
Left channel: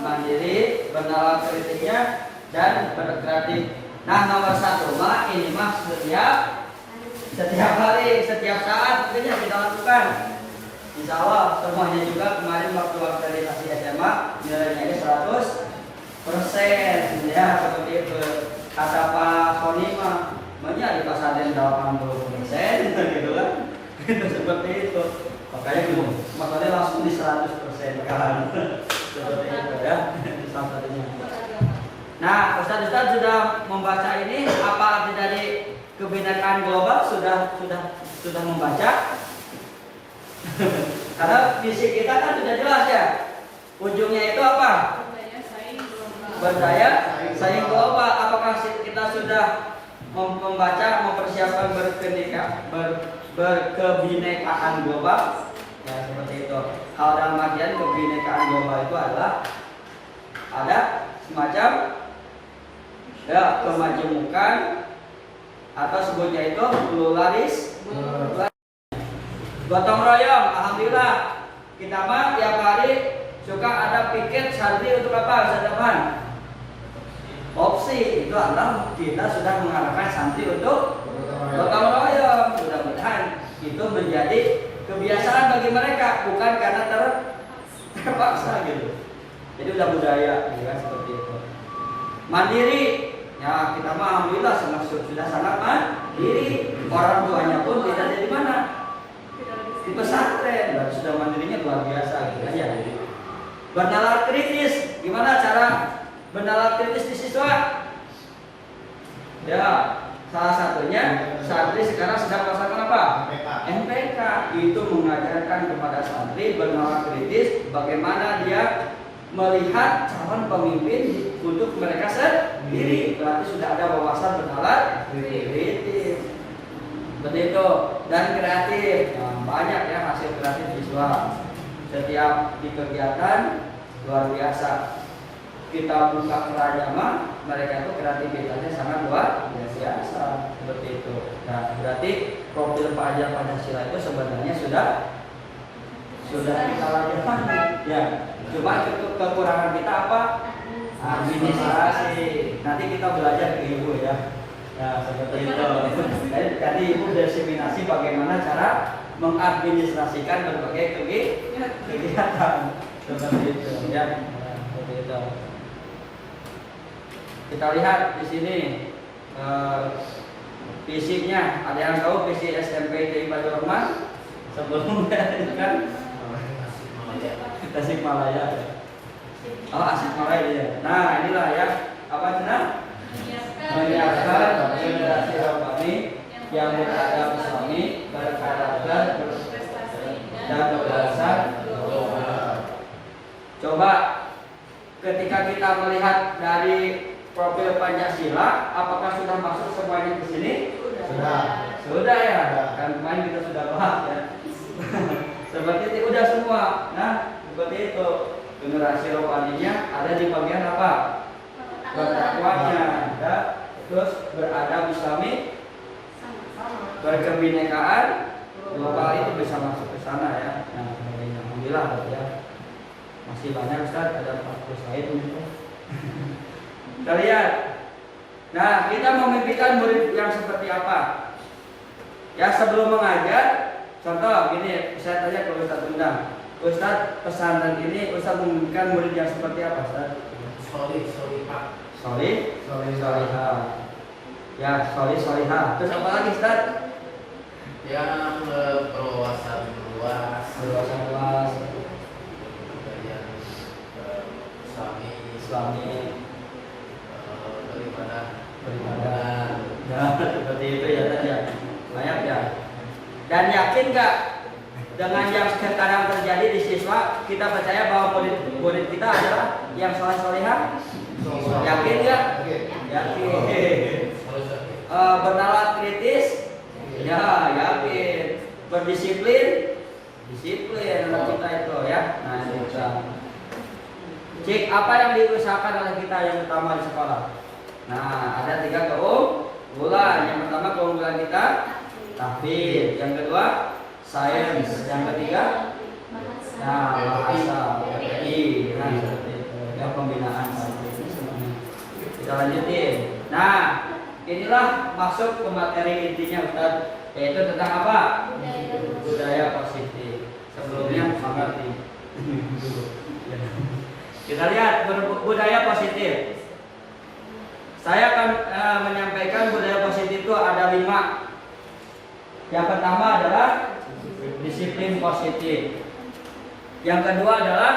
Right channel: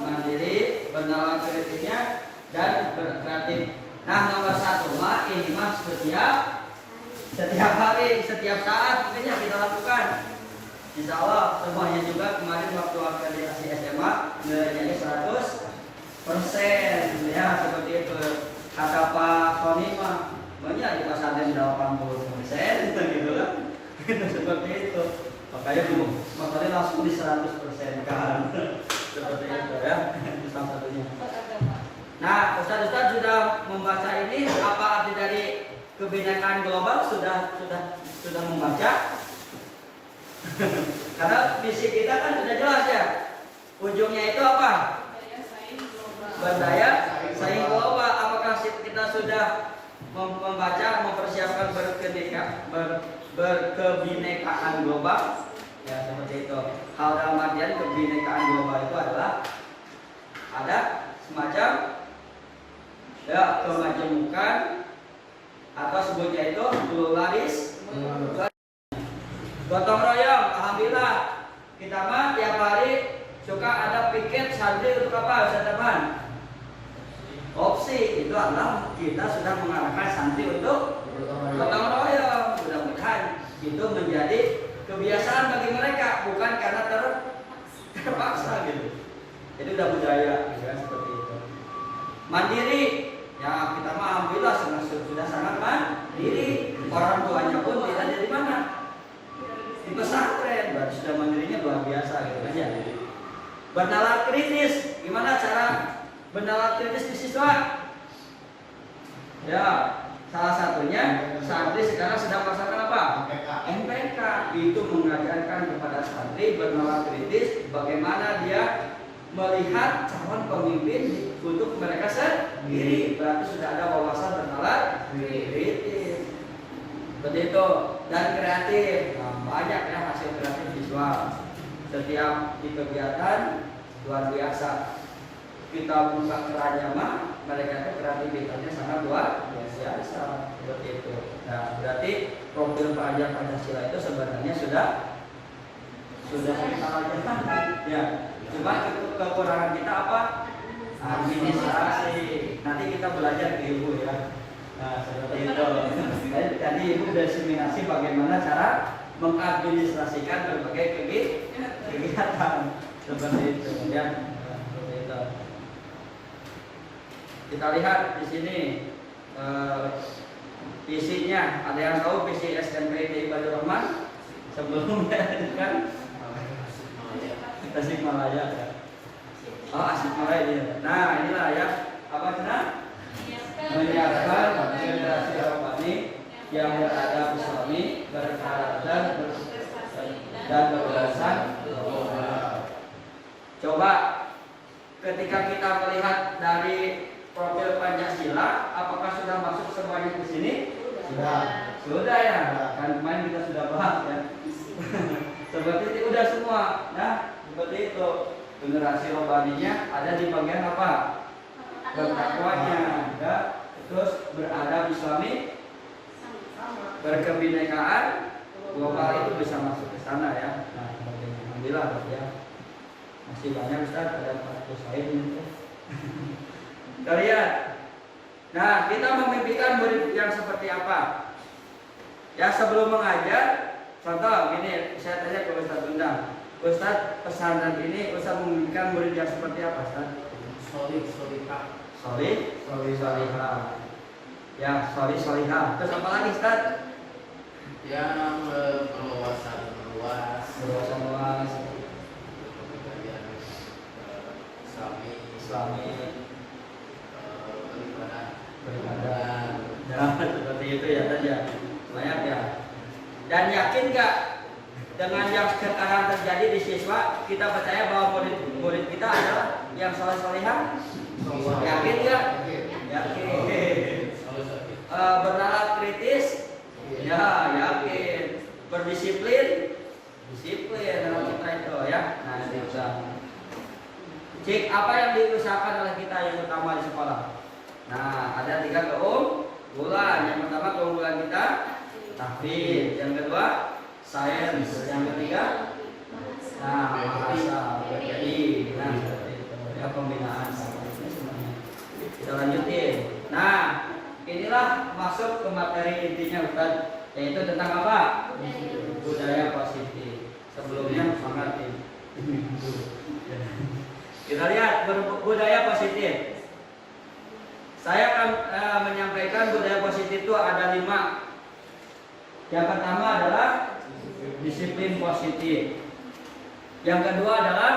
Mandiri, bernalar kritiknya, dan berkreatif. Nah, nomor 1 mah ini mah setiap hari, setiap saat mungkin yang kita lakukan. Insya Allah semuanya juga kemarin waktu akreditasi SMA nilainya 100%, ya seperti itu. Kata Pak Sony mah banyak di pasaran 80% gitu kan. Seperti itu. Makanya langsung di 100% kan. Seperti itu ya. Salah satunya. Nah, Ustaz sudah membaca ini, apa arti dari kebinekaan global sudah membaca? Karena visi kita kan sudah jelas ya. Ujungnya itu apa? Berdaya saing global. Apakah kita sudah membaca, mempersiapkan berkebinekaan global? Ya, seperti itu. Hal dalam artian kebinekaan global itu adalah ada semacam ya kemajemukan atau sebutnya itu pluralisme. Gotong royong, alhamdulillah kita mah tiap hari suka ada piket santri untuk apa? Sadapan opsi itu adalah kita sudah mengarahkan santri untuk gotong royong. Mudah-mudahan itu menjadi kebiasaan bagi mereka, bukan karena terpaksa gitu. Jadi udah budaya, ya, seperti itu. Mandiri, Ya kita mah alhamdulillah sudah sangat mandiri. Orang tuanya pun tidak ada di mana, di pesantren, berarti sudah mandirinya luar biasa gitu kan ya. Bernalar kritis, gimana cara bernalar kritis di siswa? Ya, salah satunya santri sekarang sedang melaksanakan apa? MPK. Itu mengajarkan kepada santri bernalar kritis, bagaimana dia melihat calon pemimpin untuk mereka sendiri. Berarti sudah ada wawasan bernalar kritis. Seperti itu. Dan kreatif, banyak ya hasil kreatif siswa. Setiap di kegiatan luar biasa. Kita buka keranjang mah, mereka itu kreativitasnya sangat luar biasa. Seperti itu. Nah, berarti profil pelajar Pancasila itu sebenarnya sudah kita lakukan. Ya, cuma kekurangan kita apa? Administrasi. Nanti kita belajar ke ibu ya. Nah, seperti itu. Tadi ibu diseminasi bagaimana cara mengadministrasikan berbagai kegiatan. Seperti itu ya. Seperti itu. Kita lihat di sini fisiknya. Ada yang tahu visi SMP TI Bajul Rahman? Sebelumnya kan Tasikmalaya ya. Oh, Tasikmalaya ya. Nah, inilah ya. Apa cina? Menyiapkan generasi rohani yang beradab Islami, berkarakter dan berwawasan global. Coba ketika kita melihat dari profil Pancasila, apakah sudah masuk semuanya di sini? Sudah ya. Kan kemarin kita sudah bahas ya. Seperti itu udah semua. Nah, seperti itu. Generasi rohaninya ada di bagian apa? Bertakwanya, ya. Terus beradab Islami, berkebinekaan global itu bisa masuk ke sana ya. Nah, alhamdulillah ya. Masih banyak Ustaz, ada 40 slide ini. Kita lihat. Nah, kita memimpikan murid yang seperti apa? Ya, sebelum mengajar, contoh gini, saya tanya ke Ustaz undang. Ustaz, pesantren ini Ustaz memimpikan murid yang seperti apa, Ustaz? Solihah. Ya, solihah. Terus apa lagi, Ustaz? Yang berwawasan luas, Islami, beribadah. Nah, seperti itu ya tadi ya. Banyak ya. Dan yakin nggak dengan yang sekarang terjadi di siswa, kita percaya bahwa murid kita adalah yang solihah? Yakin nggak? Yakin. Bernalar kritis? Ya, yakin. Berdisiplin? Disiplin anak kita itu ya. Nah, kita cek apa yang diusahakan oleh kita yang utama di sekolah. Nah, ada 3 keunggulan. Yang pertama keunggulan kita tahfidz, yang kedua sains, yang ketiga bahasa PPI. Nah, seperti itu. Ya, pembinaan ini semuanya. Kita lanjutin. Nah, inilah masuk ke materi intinya Ustaz, yaitu tentang apa? Budaya positif. Sebelumnya mengerti. Kita lihat budaya positif. Saya akan menyampaikan budaya positif itu ada 5. Yang pertama adalah disiplin positif. Yang kedua adalah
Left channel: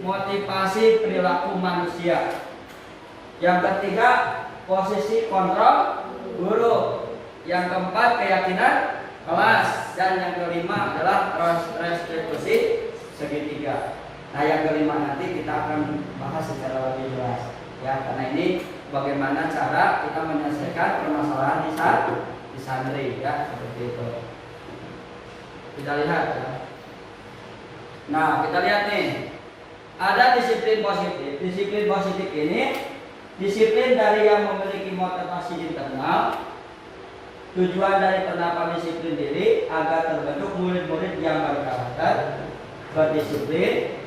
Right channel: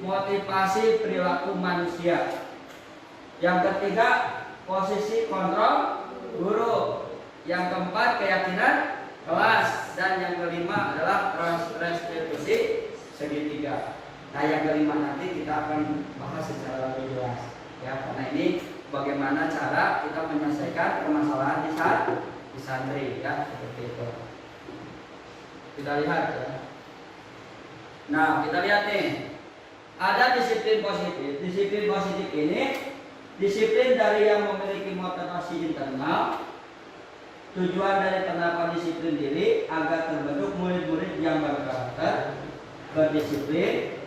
motivasi perilaku manusia. Yang ketiga posisi kontrol guru. Yang keempat keyakinan kelas. Dan yang kelima adalah restitusi segitiga. Nah, yang kelima nanti kita akan bahas secara lebih jelas ya, karena ini bagaimana cara kita menyelesaikan permasalahan di santri ya, seperti itu. Kita lihat ya. Nah, kita lihat nih. Ada disiplin positif. Disiplin positif ini disiplin dari yang memiliki motivasi internal. Tujuan dari penerapan disiplin diri agar terbentuk murid-murid yang berkarakter, berdisiplin,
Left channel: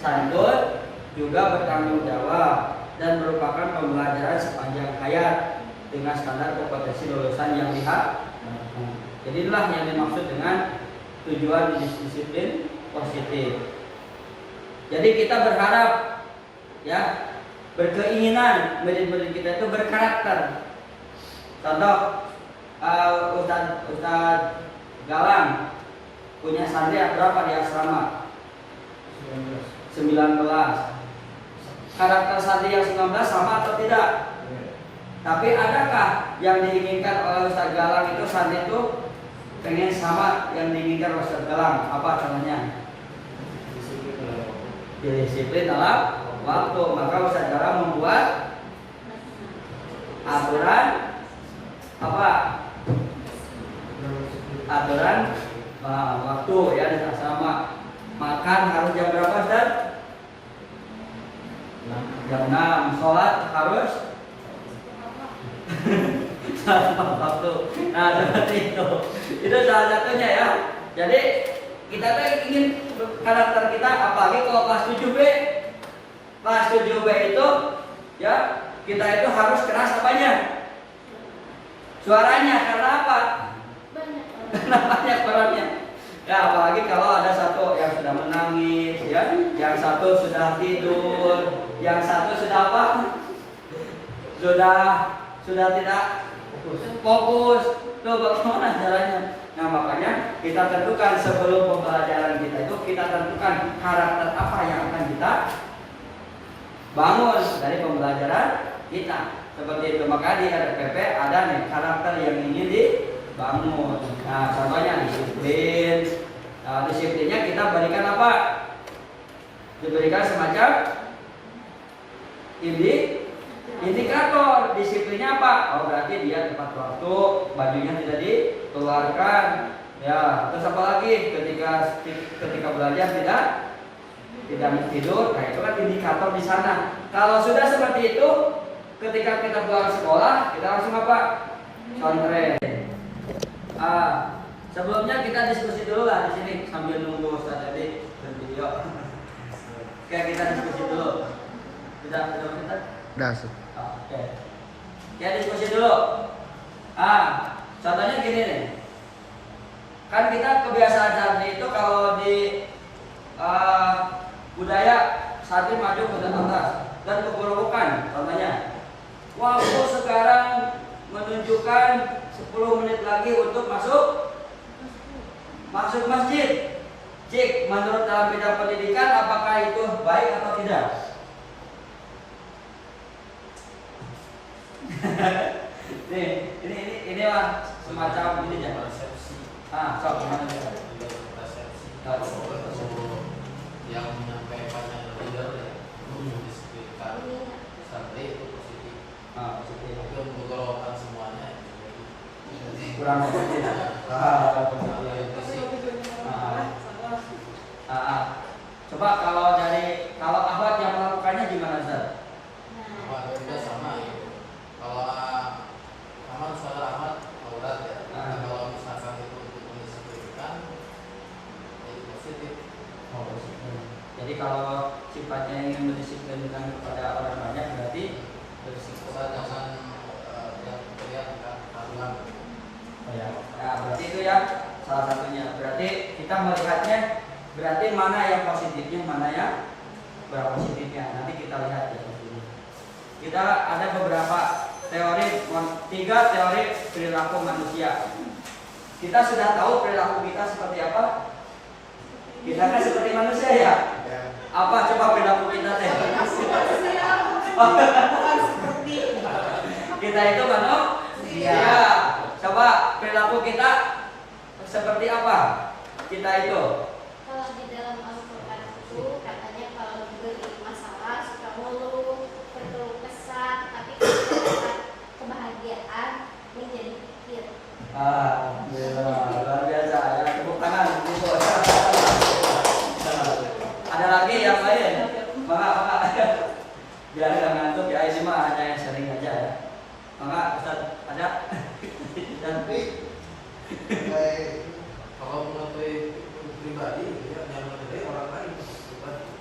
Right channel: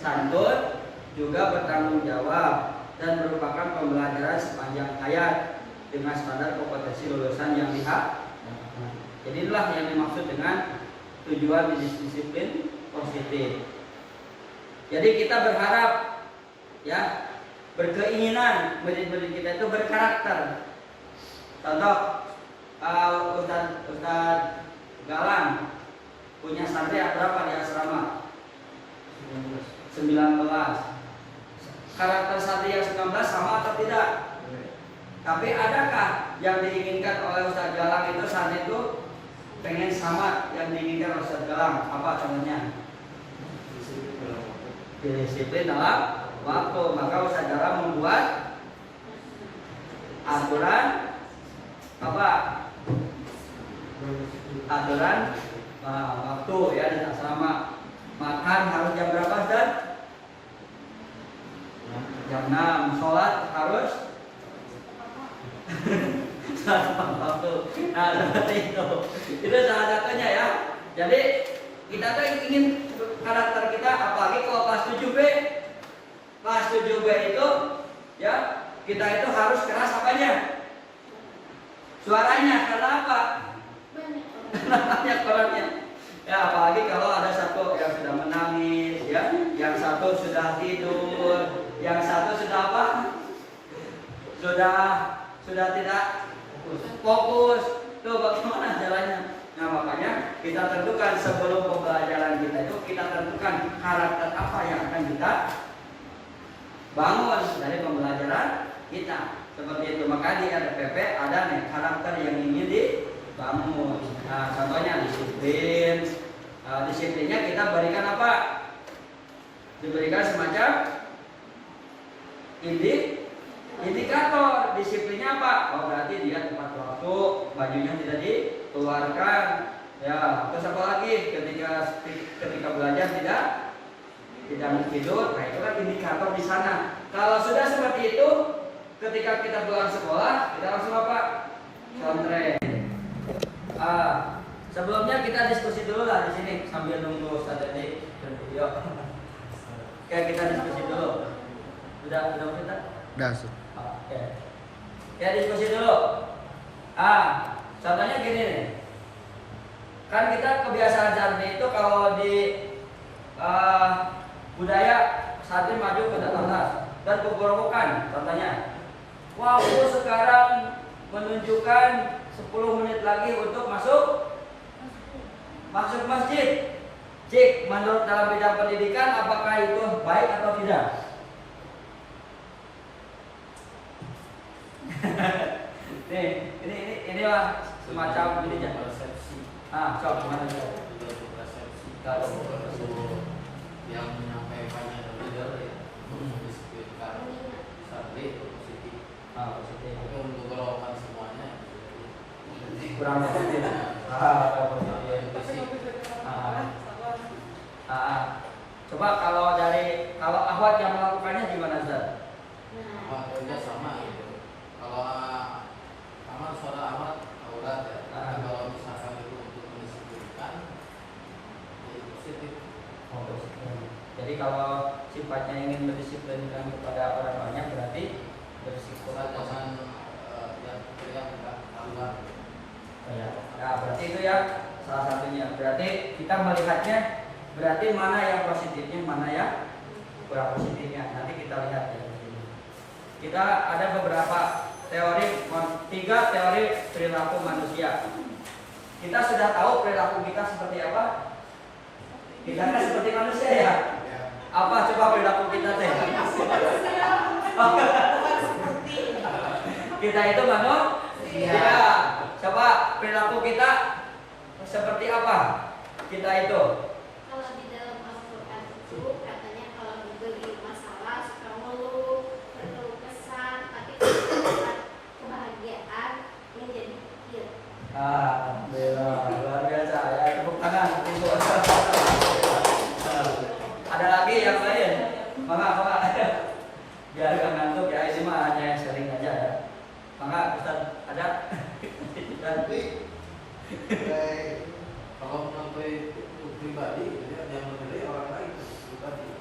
santun, juga bertanggung jawab, dan merupakan pembelajaran sepanjang hayat dengan standar kompetensi lulusan yang lihat. Jadi inilah yang dimaksud dengan tujuan disiplin positif. Jadi kita berharap ya berkeinginan, murid-murid kita itu berkarakter. Contoh, Ustadz Galang punya santri berapa di asrama? 19. Karakter santri yang 19 sama atau tidak? Tapi adakah yang diinginkan oleh Ustadz Galang itu santri itu pengen sama yang diinginkan oleh Ustadz Galang? Apa contohnya? Disiplin dalam waktu. Maka Ustadz Galang membuat aturan apa? Aturan waktu ya di asrama. Makan harus jam berapa, Ustaz? Jam 6. Sholat harus waktu. Nah, seperti itu. Itu salah satunya ya. Jadi kita tuh ingin karakter kita, apalagi kalau kelas 7B. Kelas 7B itu ya, kita itu harus keras apanya? Suaranya, karena apa? Karena banyak perannya. Ya, apalagi kalau ada satu yang sudah menangis, ya, yang satu sudah tidur, yang satu sudah apa? Sudah tidak fokus. Tuh bagaimana caranya? Nah, makanya kita tentukan sebelum pembelajaran kita itu, kita tentukan karakter apa yang akan kita bangun dari pembelajaran kita. Seperti itu. Maka di RPP ada nih karakter yang ingin dibangun. Nah, contohnya disiplin. Nah, disiplinnya kita berikan apa? Diberikan semacam indikator. Disiplinnya apa? Oh, berarti dia tepat waktu, bajunya tidak dikeluarkan. Ya, terus apa lagi? Ketika belajar tidak tidur. Nah, itu kan indikator di sana. Kalau sudah seperti itu, ketika kita pulang sekolah, kita langsung apa? Contreng. Sebelumnya kita diskusi dulu lah di sini sambil nunggu Ustaz tadi dan video. Oke, kita diskusi dulu. Sudah kita? Udah. Oke. Ya, diskusi dulu. Contohnya gini nih. Kan kita kebiasaan santri itu kalau di budaya santri maju ke atas dan keburukan. Contohnya, waktu sekarang menunjukkan 10 menit lagi untuk masuk masjid. Cik, menurut dalam bidang pendidikan apakah itu baik atau tidak? Inilah semacam ini ya. Persepsi. Sob gimana ya? Yang menyampaikannya dan leader ya, disebutkan santri positif. Positif. Tapi untuk golongan semuanya Kurang positif. Positif. Coba kalau Ahwat yang melakukannya gimana, Ustaz? Waktunya sama itu. Kalau Ahmad, saudara Ahmad, aulat ya. Kalau misalkan itu untuk mendisiplinkan, jadi positif. Jadi kalau sifatnya ingin mendisiplinkan kepada orang banyak berarti berisiko. Jangan yang haluan. Ya, berarti itu ya salah satunya. Berarti kita melihatnya berarti mana yang positifnya, mana yang kurang positifnya. Nanti kita lihat ya di sini. Kita ada beberapa teori, 3 teori perilaku manusia. Kita sudah tahu perilaku kita seperti apa? Kita kan seperti manusia ya. Apa coba perilaku kita teh? Kita itu manusia. Coba perilaku kita seperti apa? Kita itu. Kalau di dalam Al-Quran itu katanya kalau diberi masalah suka ngeluh, perlu kesah, tapi kalau kebahagiaan menjadi pikir. Luar biasa ya, tepuk tangan. Ada lagi yang lain? Maka biar gak ngantuk ya, ini mah hanya yang sering aja ya. Maka Ustaz ada? Tapi kalau menurut pribadi yang menilai orang lain pribadi.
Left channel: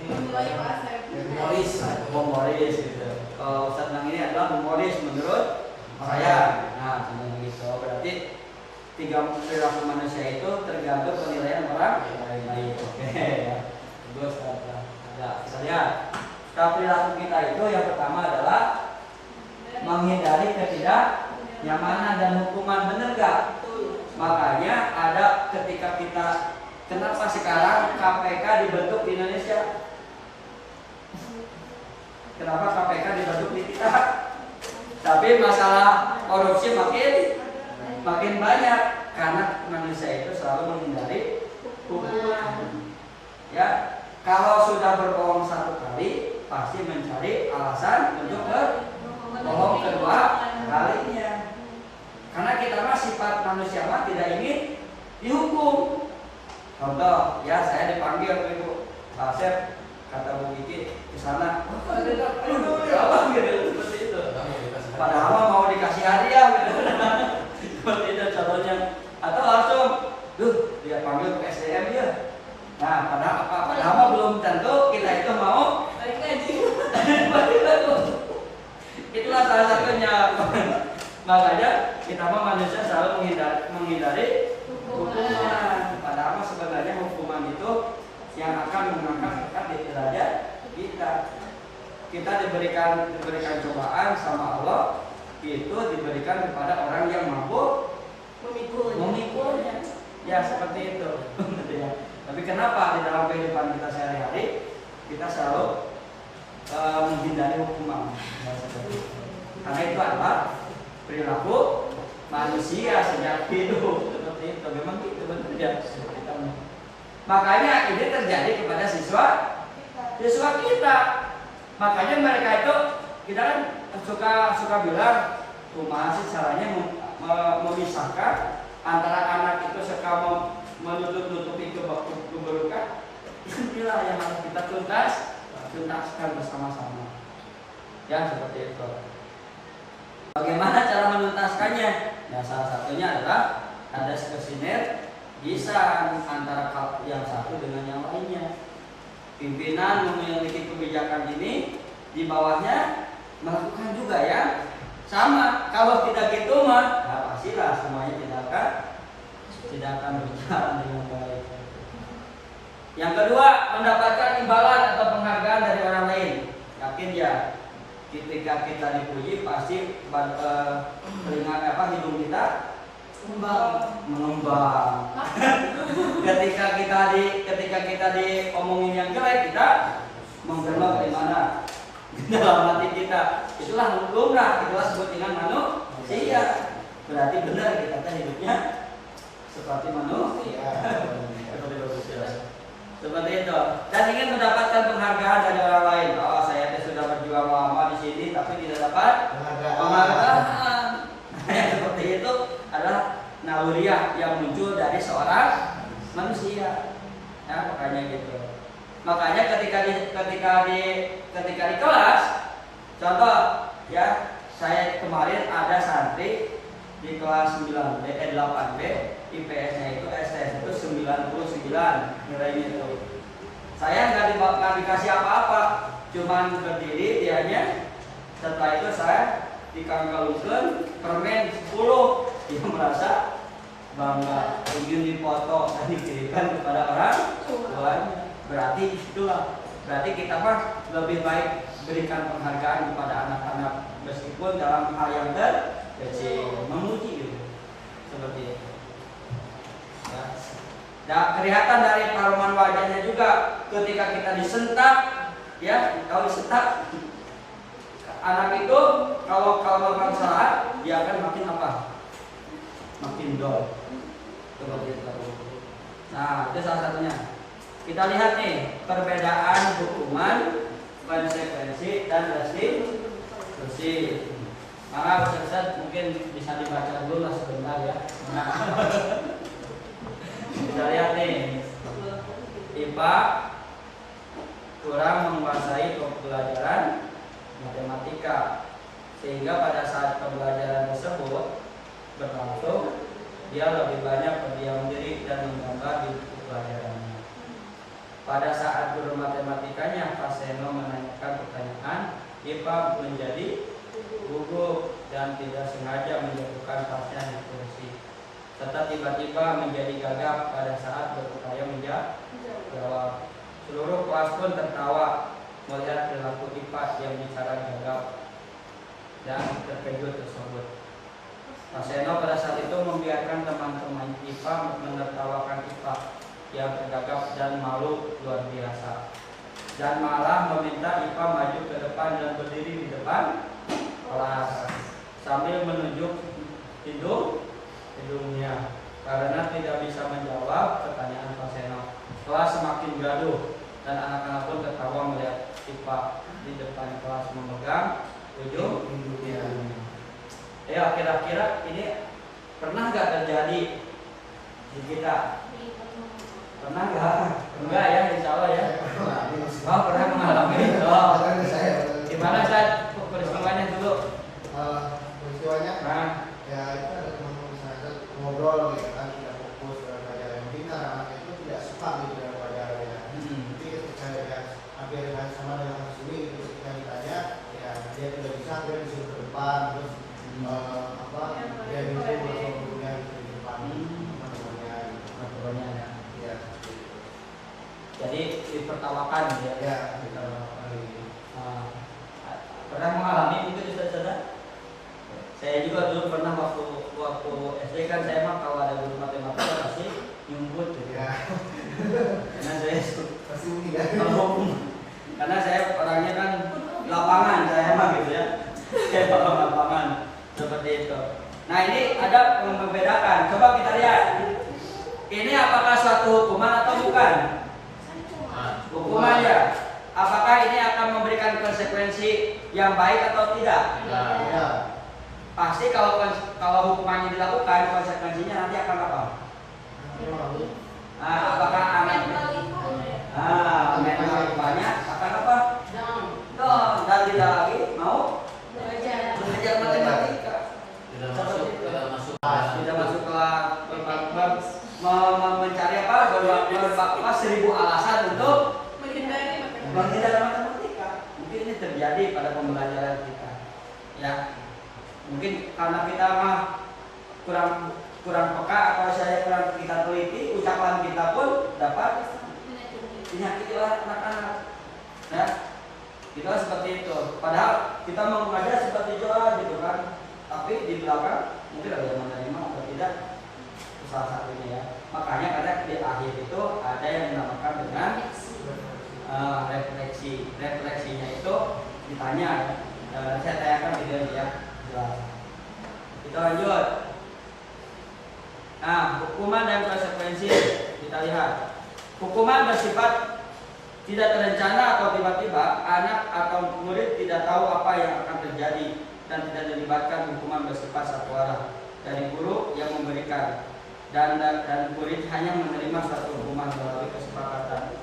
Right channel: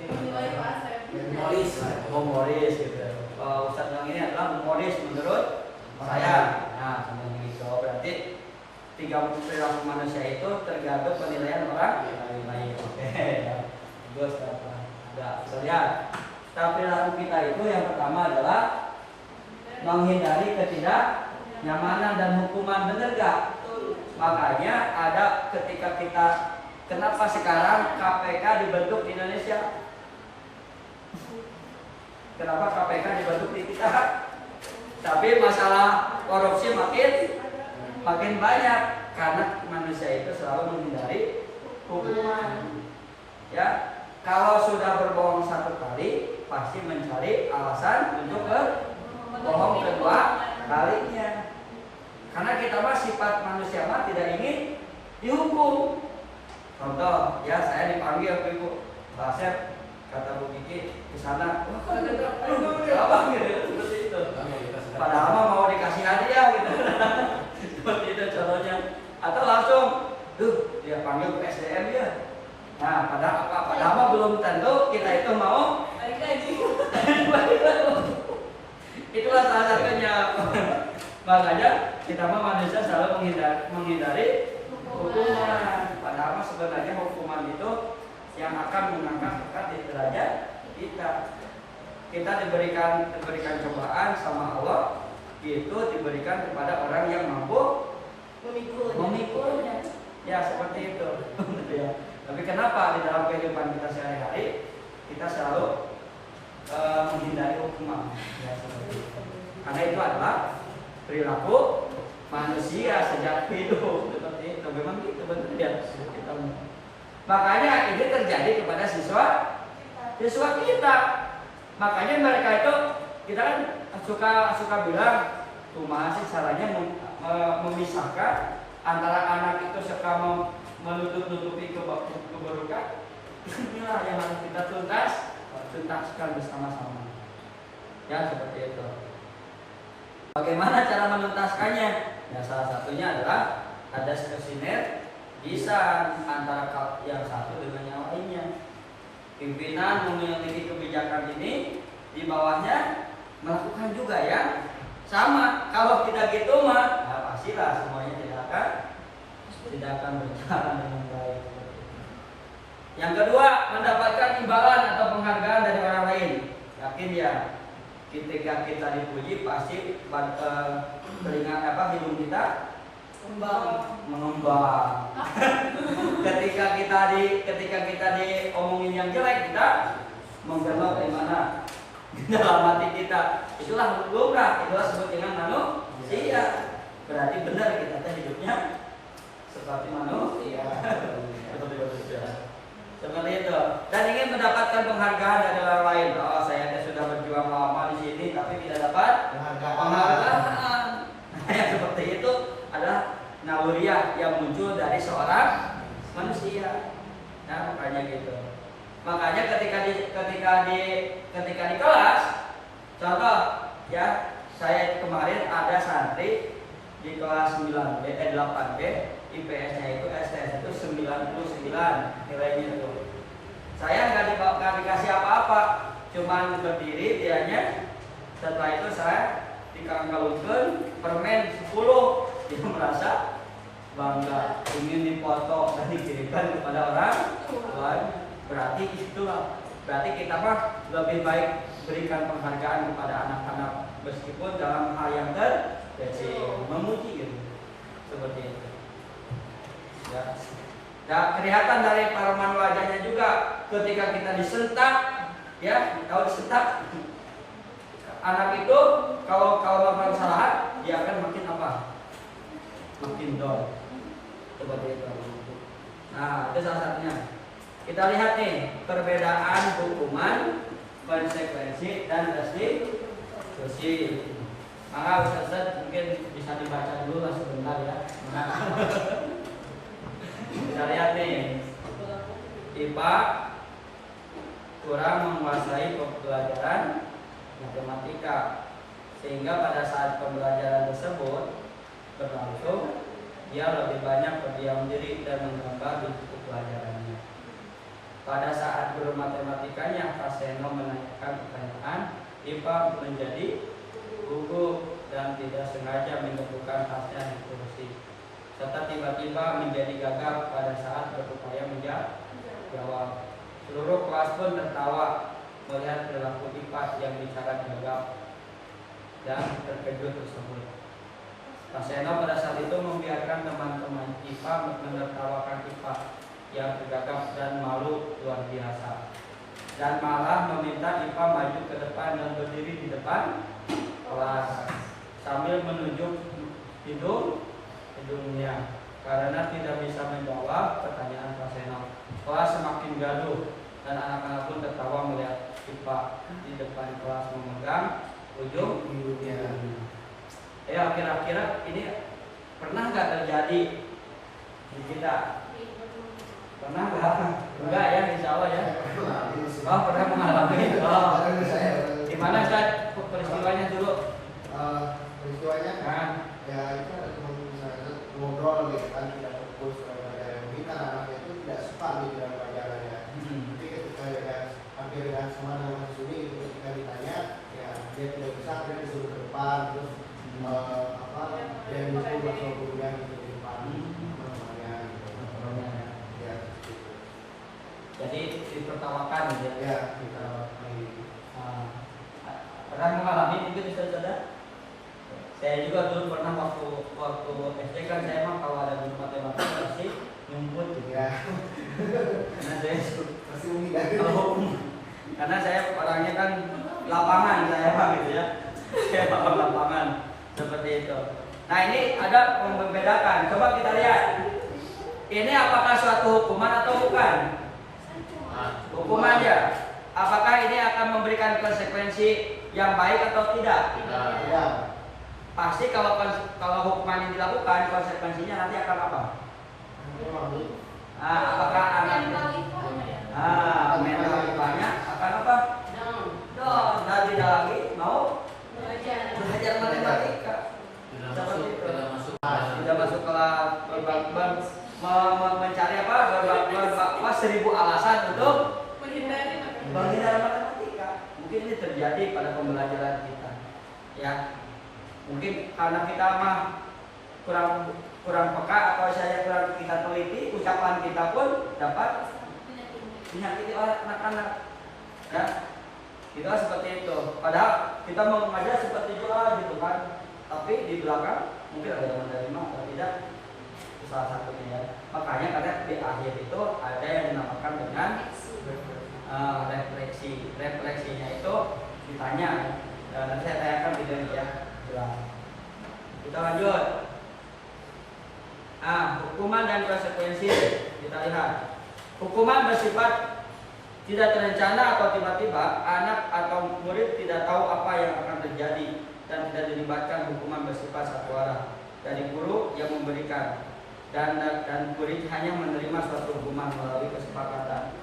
Ya, misalkan saya ini humoris gitu. Ustaz bilang ini adalah humoris menurut saya. Nah, seperti itu. Berarti 3 perilaku manusia itu tergantung penilaian orang lain. baik. Oke ya. Bagus. Ada. Kita lihat. Perilaku kita itu yang pertama adalah menghindari ketidaknyamanan dan hukuman, benar gak? Makanya ada ketika kita, kenapa sekarang KPK dibentuk di Indonesia? Kenapa KPK dibentuk di kita? Tapi masalah korupsi makin banyak karena manusia itu selalu menghindari hukuman. Ya, kalau sudah berbohong satu kali, pasti mencari alasan untuk berbohong kedua kalinya. Karena kita mah sifat manusia mah tidak ingin dihukum. Contoh, ya saya dipanggil Ibu Pak Asep, kata Bu Kiki di sana, aduh, apa gitu seperti itu. Padahal mah mau dikasih hadiah gitu. Seperti itu contohnya. Atau langsung, dia panggil ke SDM dia. Nah, padahal mah belum tentu kita itu mau. Itulah salah satunya. Makanya kita mah manusia selalu menghindari hukuman. Padahal sebenarnya hukuman itu yang akan mengangkat di derajat kita. Kita diberikan cobaan sama Allah, itu diberikan kepada orang yang mampu memikulnya. Ya seperti itu. Tapi kenapa di dalam kehidupan kita sehari-hari kita selalu menghindari hukuman? Ya seperti itu. Karena itu adalah perilaku manusia sejak hidup, seperti itu. Memang gitu benar ya. Makanya ini terjadi kepada siswa kita. Makanya mereka itu, kita kan suka bilang, kumaha sih caranya memisahkan antara anak itu suka menutup-nutupi keburukan. Inilah yang harus kita tuntaskan bersama-sama. Ya seperti itu. Bagaimana cara menuntaskannya? Ya salah satunya adalah ada sinergisan antara yang satu dengan yang lainnya. Pimpinan memiliki kebijakan ini, di bawahnya melakukan juga ya sama. Kalau tidak gitu mah, nah pastilah semuanya tidak akan berjalan dengan baik. Yang kedua, mendapatkan imbalan atau penghargaan dari orang lain. Yakin ya? Ketika kita dipuji pasti hidung kita mengembang. ketika kita diomongin yang jelek, kita menggerak di mana? Dalam hati kita. Itulah lumrah, itulah sebut dengan manusia. Berarti benar kita hidupnya seperti manusia. Seperti itu. Dan ingin mendapatkan penghargaan dari orang lain. Oh, saya sudah berjuang lama di sini tapi tidak dapat penghargaan. Yang seperti itu adalah naluriah yang muncul dari seorang manusia. Nah, makanya gitu. Makanya ketika di kelas, contoh ya, saya kemarin ada santri di kelas 8B, IPS-nya itu STS itu 99 nilainya itu. Saya nggak dikasih apa-apa, cuman berdiri dianya. Setelah itu saya dikangkalungkan permen 10. Dia merasa bangga, ingin dipoto dan dikirimkan kepada orang lain. Berarti kita mah lebih baik berikan penghargaan kepada anak-anak meskipun dalam hal yang kecil, memuji gitu. Seperti itu. Ya. Nah, kelihatan dari paroman wajahnya juga ketika kita disentak, ya, kalau disentak anak itu kalau melakukan kesalahan dia akan makin apa? Makin dol. Seperti itu. Nah, itu salah satunya. Kita lihat nih perbedaan hukuman, konsekuensi dan restitusi. Maka Ustaz mungkin bisa dibaca dulu lah sebentar ya. Kita lihat nih, IPA kurang menguasai pembelajaran matematika, sehingga pada saat pembelajaran tersebut berlangsung, dia lebih banyak berdiam diri dan menggambar di buku pelajarannya. Pada saat guru matematikanya Faseno menanyakan pertanyaan, IPA menjadi gugup dan tidak sengaja menjatuhkan tasnya di kursi, serta tiba-tiba menjadi gagap pada saat berupaya menjawab. jawab. Seluruh kelas pun tertawa melihat perilaku IPA yang bicara gagap dan terkejut tersebut. Pak Seno pada saat itu membiarkan teman-teman IPA menertawakan IPA yang tergagap dan malu luar biasa, dan malah meminta IPA maju ke depan dan berdiri di depan kelas sambil menunjuk hidungnya karena tidak bisa menjawab pertanyaan Pak Seno. Kelas semakin gaduh dan anak-anak pun tertawa melihat IPA di depan kelas memegang ujung hidungnya. Ya, kira-kira ini pernah nggak terjadi di kita? Pernah nggak? Enggak ya, insya Allah ya. Oh, pernah mengalami. Oh, gimana Ustaz peristiwanya dulu? Peristiwanya, Nah, ya itu ada teman saya ngobrol gitu kan, tidak fokus dalam pelajaran. Mungkin karena anaknya itu tidak suka gitu dalam pelajaran ya. Tapi ketika ya hampir dengan sama dengan sini, ketika ditanya, ya dia tidak bisa, dia disuruh ke depan, terus dia minta masuk gurunya di depan. Ya. jadi ditertawakan ya. Ya. Ditertawakan. Nah, pernah mengalami mungkin Ustaz? Saya juga dulu pernah waktu SD kan saya mah kalau ada guru matematika pasti nyumput gitu Ya. Karena saya Pasti mungkin ya. karena saya orangnya kan lapangan saya mah gitu ya. Saya paham lapangan seperti itu. Nah, ini ada yang membedakan. Coba kita lihat. Ini apakah suatu hukuman atau bukan? Hukuman ya. Apakah ini akan memberikan konsekuensi yang baik atau tidak? Ya. Pasti kalau hukumannya dilakukan, konsekuensinya nanti akan apa? Nah, apakah anak mental banyak akan apa? Dong, dan tidak lagi mau belajar matematika. Tidak masuk kelas mencari apa? Berbakwa 1000 alasan untuk menghindari matematika. Mungkin ini terjadi pada pembelajaran kita. Ya. Mungkin karena kita mah kurang peka atau saya kurang kita teliti, ucapan kita pun dapat menyakiti anak-anak. Ya. Kita seperti itu. Padahal kita mau mengajar seperti itu gitu kan. Tapi di belakang mungkin ada yang menerima atau tidak. Itu salah satunya ya. Makanya kadang di akhir itu ada yang dinamakan dengan refleksi. Refleksinya itu ditanya ya. Nanti saya tanyakan videonya ya. Kita lanjut. Nah, hukuman dan konsekuensi kita lihat. Hukuman bersifat tidak terencana atau tiba-tiba, anak atau murid tidak tahu apa yang akan terjadi dan tidak dilibatkan. Hukuman bersifat satu arah dari guru yang memberikan dan murid hanya menerima suatu hukuman melalui kesepakatan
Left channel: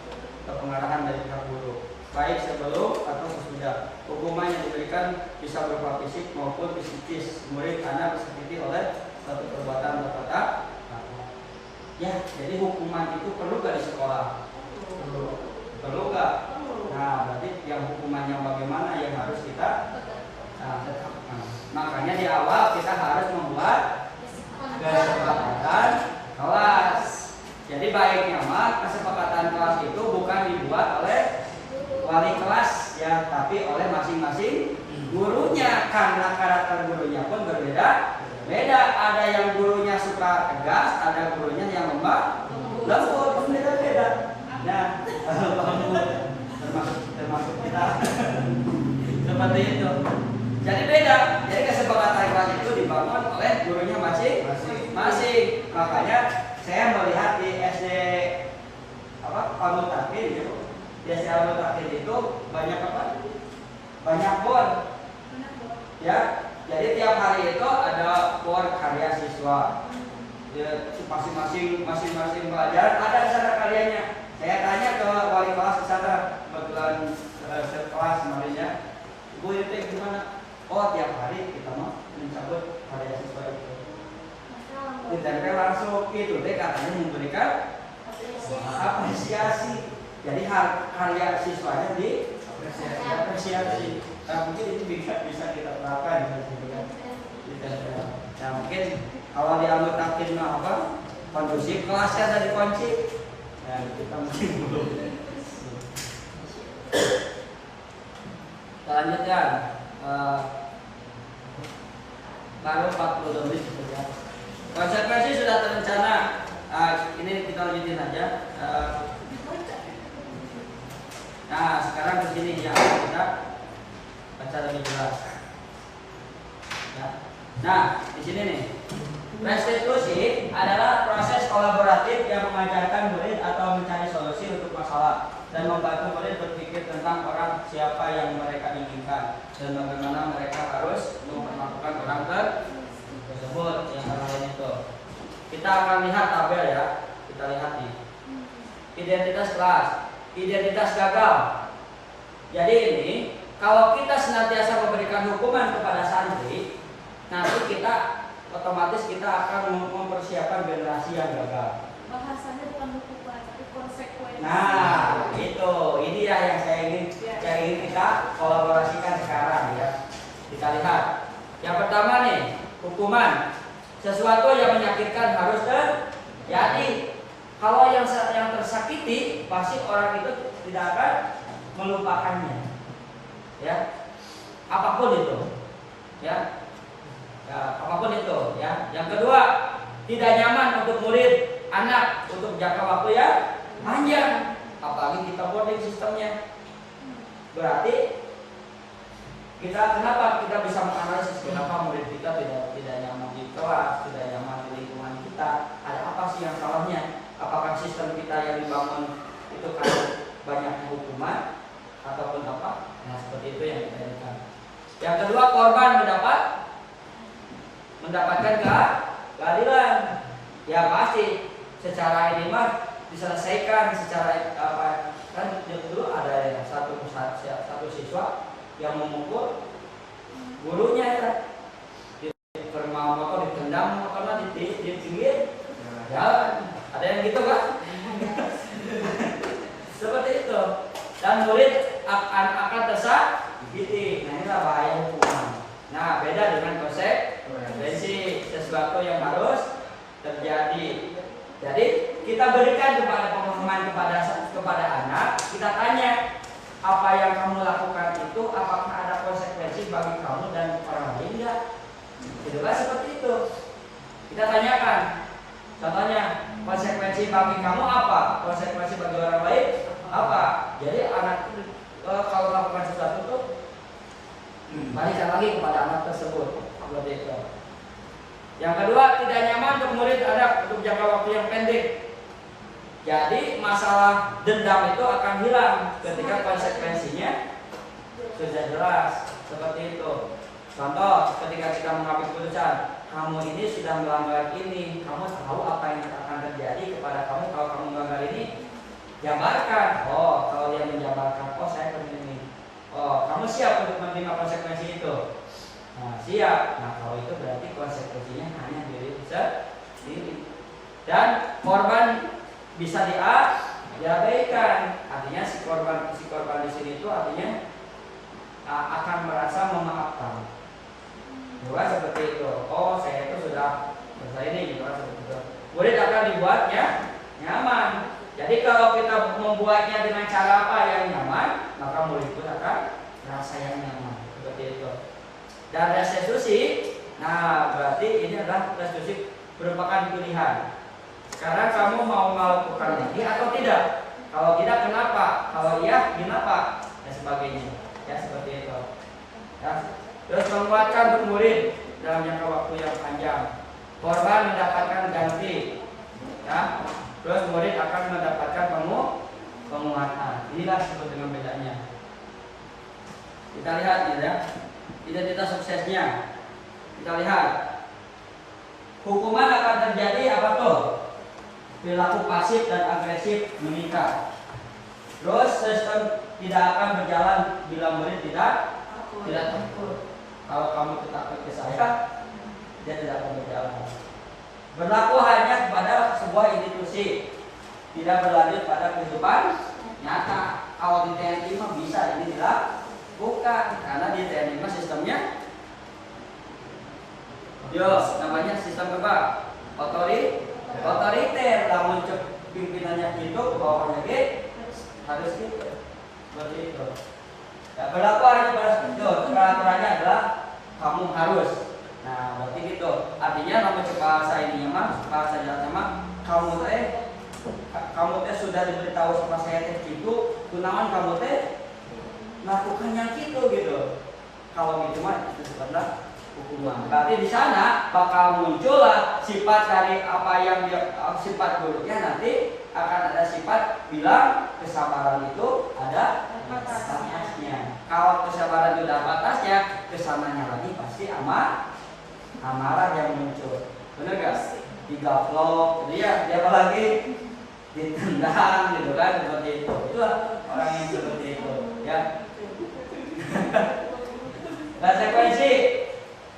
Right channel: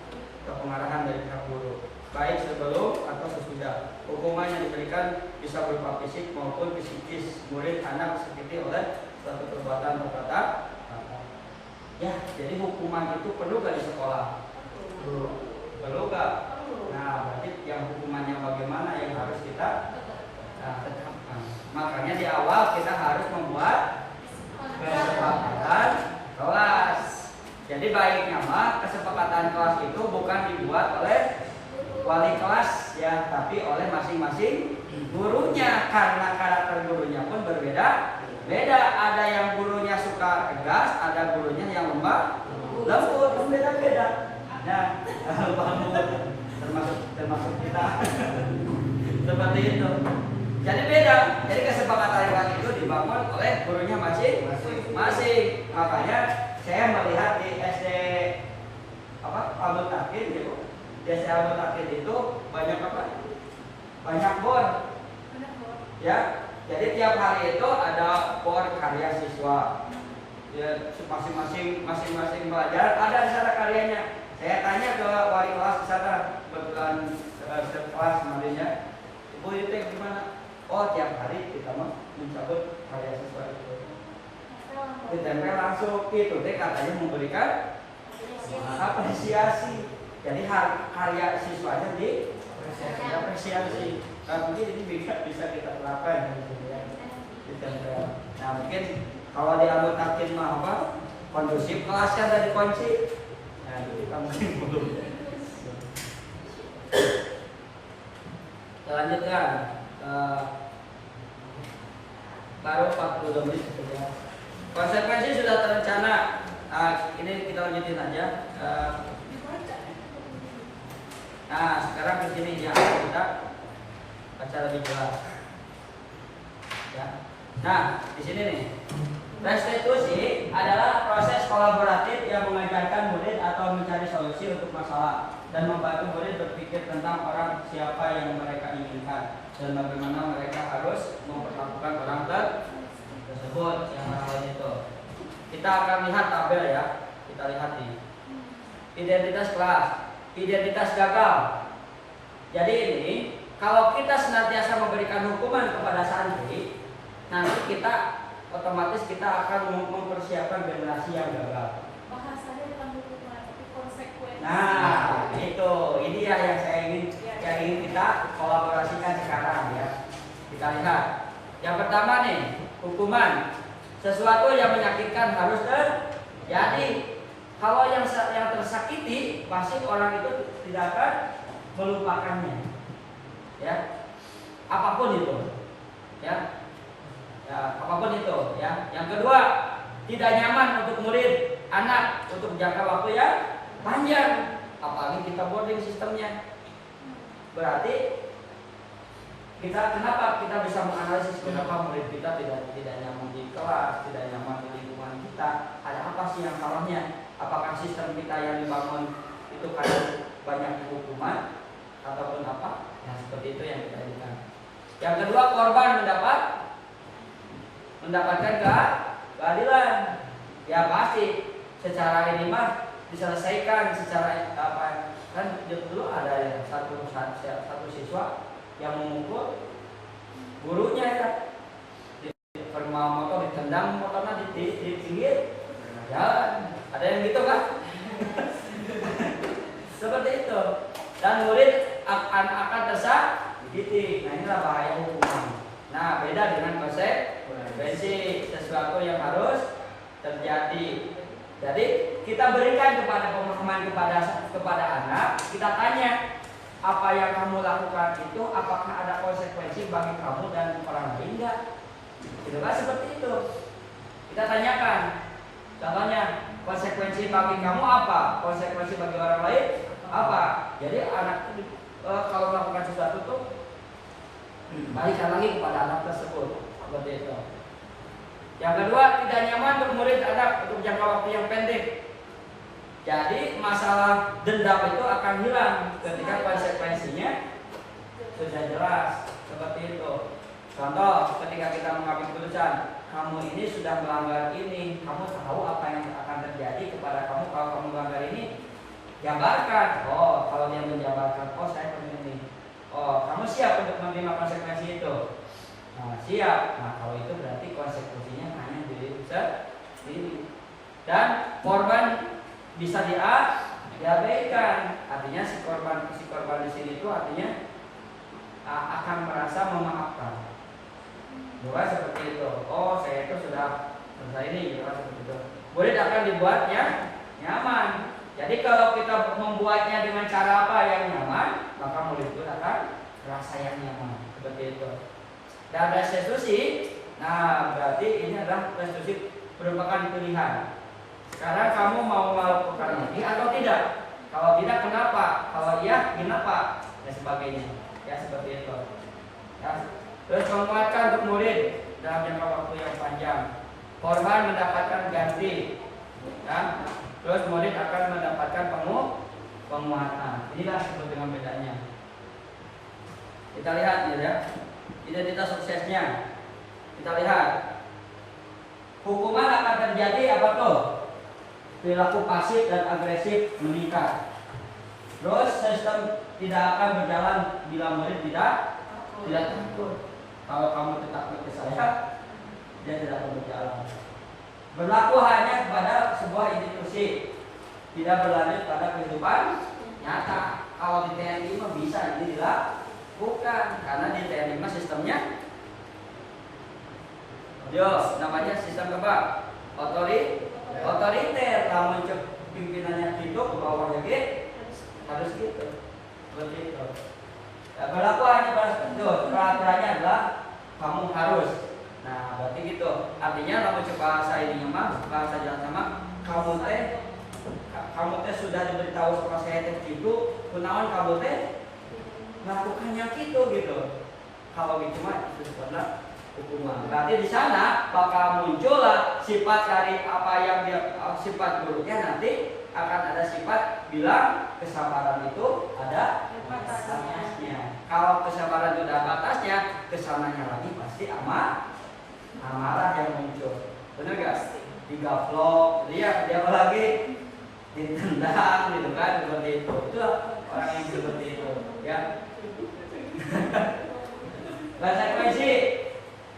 atau pengarahan dari pihak guru, baik sebelum atau sesudah. Hukuman yang diberikan bisa berupa fisik maupun psikis. Murid anak disakiti oleh suatu perbuatan atau kata. Ya, jadi hukuman itu perlu gak di sekolah? Perlu gak? Nah, berarti yang hukumannya bagaimana yang harus kita tetapkan. Makanya di awal kita harus membuat kesepakatan kelas. Jadi baiknya mah kesepakatan kelas itu bukan dibuat oleh wali kelas ya, tapi oleh masing-masing gurunya, karena karakter gurunya pun berbeda-beda. Ada yang gurunya suka tegas, ada gurunya yang lembut, beda-beda. Nah, termasuk kita seperti itu. Jadi beda. Jadi kesepakatan kelas itu dibangun oleh gurunya masing-masing. Makanya saya melihat di SD Al Mutakin gitu. Di SD Al Mutakin itu banyak apa? Banyak bor. Ya. Jadi tiap hari itu ada bor karya siswa. Ya, masing-masing pelajaran ada di sana karyanya. Saya tanya ke wali kelas di sana, kebetulan sekelas kemarinnya, Bu itu gimana? Oh, tiap hari kita mau mencabut karya siswa itu. Ditempel langsung itu deh katanya memberikan apresiasi. Jadi karya siswanya diapresiasi. Nah, mungkin ini bisa kita terapkan ya. Ditempel. Nah, mungkin kalau di Al Mutakin mah apa? Kondusif kelasnya ada dikunci. Nah, kita mungkin belum. Kita lanjutkan. Baru 40 menit saja. Konsekuensi sudah terencana. Ini kita lanjutin aja. Nah, sekarang ke sini yang kita baca lebih jelas. Ya. Nah, di sini nih. Restitusi adalah proses kolaboratif yang mengajarkan murid atau mencari solusi untuk masalah dan membantu murid berpikir tentang orang siapa yang mereka inginkan dan bagaimana mereka harus memperlakukan orang tersebut yang lain itu. Kita akan lihat tabel ya. Kita lihat nih. Identitas kelas, identitas gagal. Jadi ini kalau kita senantiasa memberikan hukuman kepada santri, nanti kita otomatis kita akan mempersiapkan generasi yang gagal. Bahasanya bukan hukuman, itu konsekuensi. Nah, itu ini ya yang saya ingin kita kolaborasikan sekarang ya. Kita lihat. Yang pertama nih, hukuman. Sesuatu yang menyakitkan harus terjadi. Kalau yang tersakiti, pasti orang itu tidak akan melupakannya. Ya. Apapun itu. Ya. Ya, apapun itu ya. Yang kedua, tidak nyaman untuk murid anak untuk jangka waktu yang panjang, apalagi kita boarding sistemnya. Berarti kenapa kita bisa menganalisis kenapa murid kita tidak nyaman di kelas, tidak nyaman di lingkungan kita? Ada apa sih yang salahnya? Apakah sistem kita yang dibangun itu karena banyak hukuman ataupun apa? Nah, seperti itu yang kita lihat. Yang kedua, korban mendapatkan keadilan. Ya pasti secara ini mah diselesaikan secara apa, kan dulu ada ya satu siswa yang memukul gurunya ya, di motor ditendang motornya di pinggir jalan, ada yang gitu kan? Seperti itu, dan murid akan tersakiti. Nah, inilah bahaya hukuman. Nah, beda dengan konsekuensi, sesuatu yang harus terjadi. Jadi kita berikan kepada pemahaman kepada anak, kita tanya apa yang kamu lakukan itu apakah ada konsekuensi bagi kamu dan orang lain enggak? Itu kan seperti itu. Kita tanyakan. Contohnya, konsekuensi bagi kamu apa? Konsekuensi bagi orang lain apa? Jadi anak kalau melakukan sesuatu itu balikan lagi kepada anak tersebut. Seperti itu. Yang kedua, tidak nyaman untuk murid anak untuk jangka waktu yang pendek. Jadi masalah dendam itu akan hilang ketika konsekuensinya sudah jelas. Seperti itu. Contoh, ketika kita mengambil keputusan, kamu ini sudah melanggar ini, kamu tahu apa yang akan terjadi kepada kamu kalau kamu melanggar ini. Jabarkan. Oh, kalau dia menjabarkan, oh saya pengen ini. Oh, kamu siap untuk menerima konsekuensi itu? Nah, siap. Nah, kalau itu berarti konsekuensinya hanya diri sendiri. Dan korban bisa diabaikan. Artinya si korban di sini itu artinya akan merasa memaafkan. Bukan seperti itu. Oh, saya itu sudah selesai ini, bukan seperti itu. Murid akan dibuatnya nyaman. Jadi kalau kita membuatnya dengan cara apa yang nyaman, maka murid itu akan merasa yang nyaman. Seperti itu. Dan restitusi, nah berarti ini adalah restitusi merupakan pilihan. Sekarang kamu mau melakukan ini atau tidak? Kalau tidak, kenapa? Kalau iya, kenapa? Dan sebagainya. Ya seperti itu. Ya. Terus menguatkan untuk murid dalam jangka waktu yang panjang. Korban mendapatkan ganti. Ya. Terus murid akan mendapatkan penguatan. Inilah sebut dengan bedanya. Kita lihat ya. Identitas suksesnya. Kita lihat. Hukuman akan terjadi apa tuh? Perilaku pasif dan agresif meningkat. Terus sistem tidak akan berjalan bila murid tidak takut. Kalau kamu tetap ke saya, dia tidak akan berjalan. Berlaku hanya kepada sebuah institusi, tidak berlanjut pada kehidupan nyata. Kalau di TNI mah bisa ini dilakukan, karena di TNI mah sistemnya namanya sistem apa? Otoriter. Namun pimpinannya gitu, ke bawahnya gitu, harus gitu. Seperti itu. Ya, berlaku hanya pada itu, peraturannya adalah kamu harus. Nah, berarti gitu. Artinya namun bahasa ininya mah, bahasa jalan sama kamu teh sudah diberitahu sama saya teh gitu, kunaon kamu teh melakukan yang gitu. Kalau gitu mah itu sebenarnya hukuman. Berarti di sana bakal muncullah sifat dari apa yang dia sifat buruknya, nanti akan ada sifat bilang kesabaran itu ada batasnya. Kalau kesabaran itu ada batasnya, kesananya lagi pasti amarah yang muncul. Benar gak? Digaplok, dia apalagi ditendang gitu kan, seperti itu. Itulah orang yang seperti itu, ya. Konsekuensi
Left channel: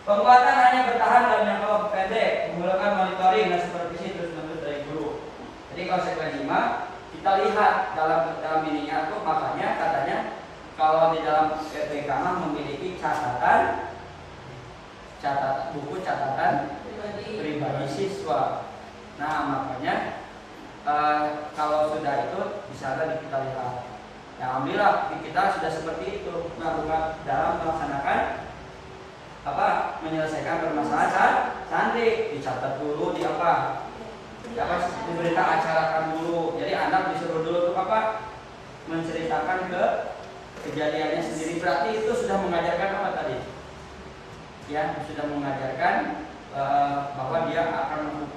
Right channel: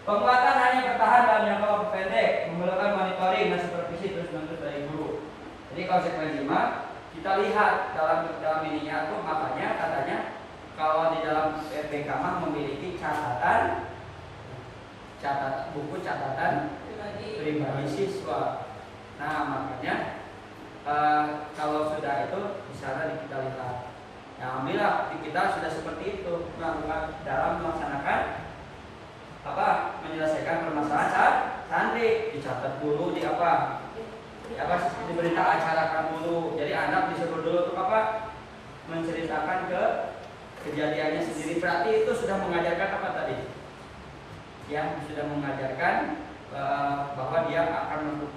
penguatan hanya bertahan dalam jangka waktu pendek, menggunakan monitoring dan supervisi terus-menerus dari guru. Jadi konsekuensi mah kita lihat dalam ininya itu, makanya katanya kalau di dalam PPK mah memiliki buku catatan pribadi siswa. Nah makanya kalau sudah itu bisa kita lihat. Ya alhamdulillah kita sudah seperti itu, dalam melaksanakan menyelesaikan permasalahan santri, dicatat dulu di berita acarakan dulu. Jadi anak disuruh dulu untuk menceritakan ke kejadiannya sendiri. Berarti itu sudah mengajarkan apa tadi? Ya, sudah mengajarkan bahwa dia akan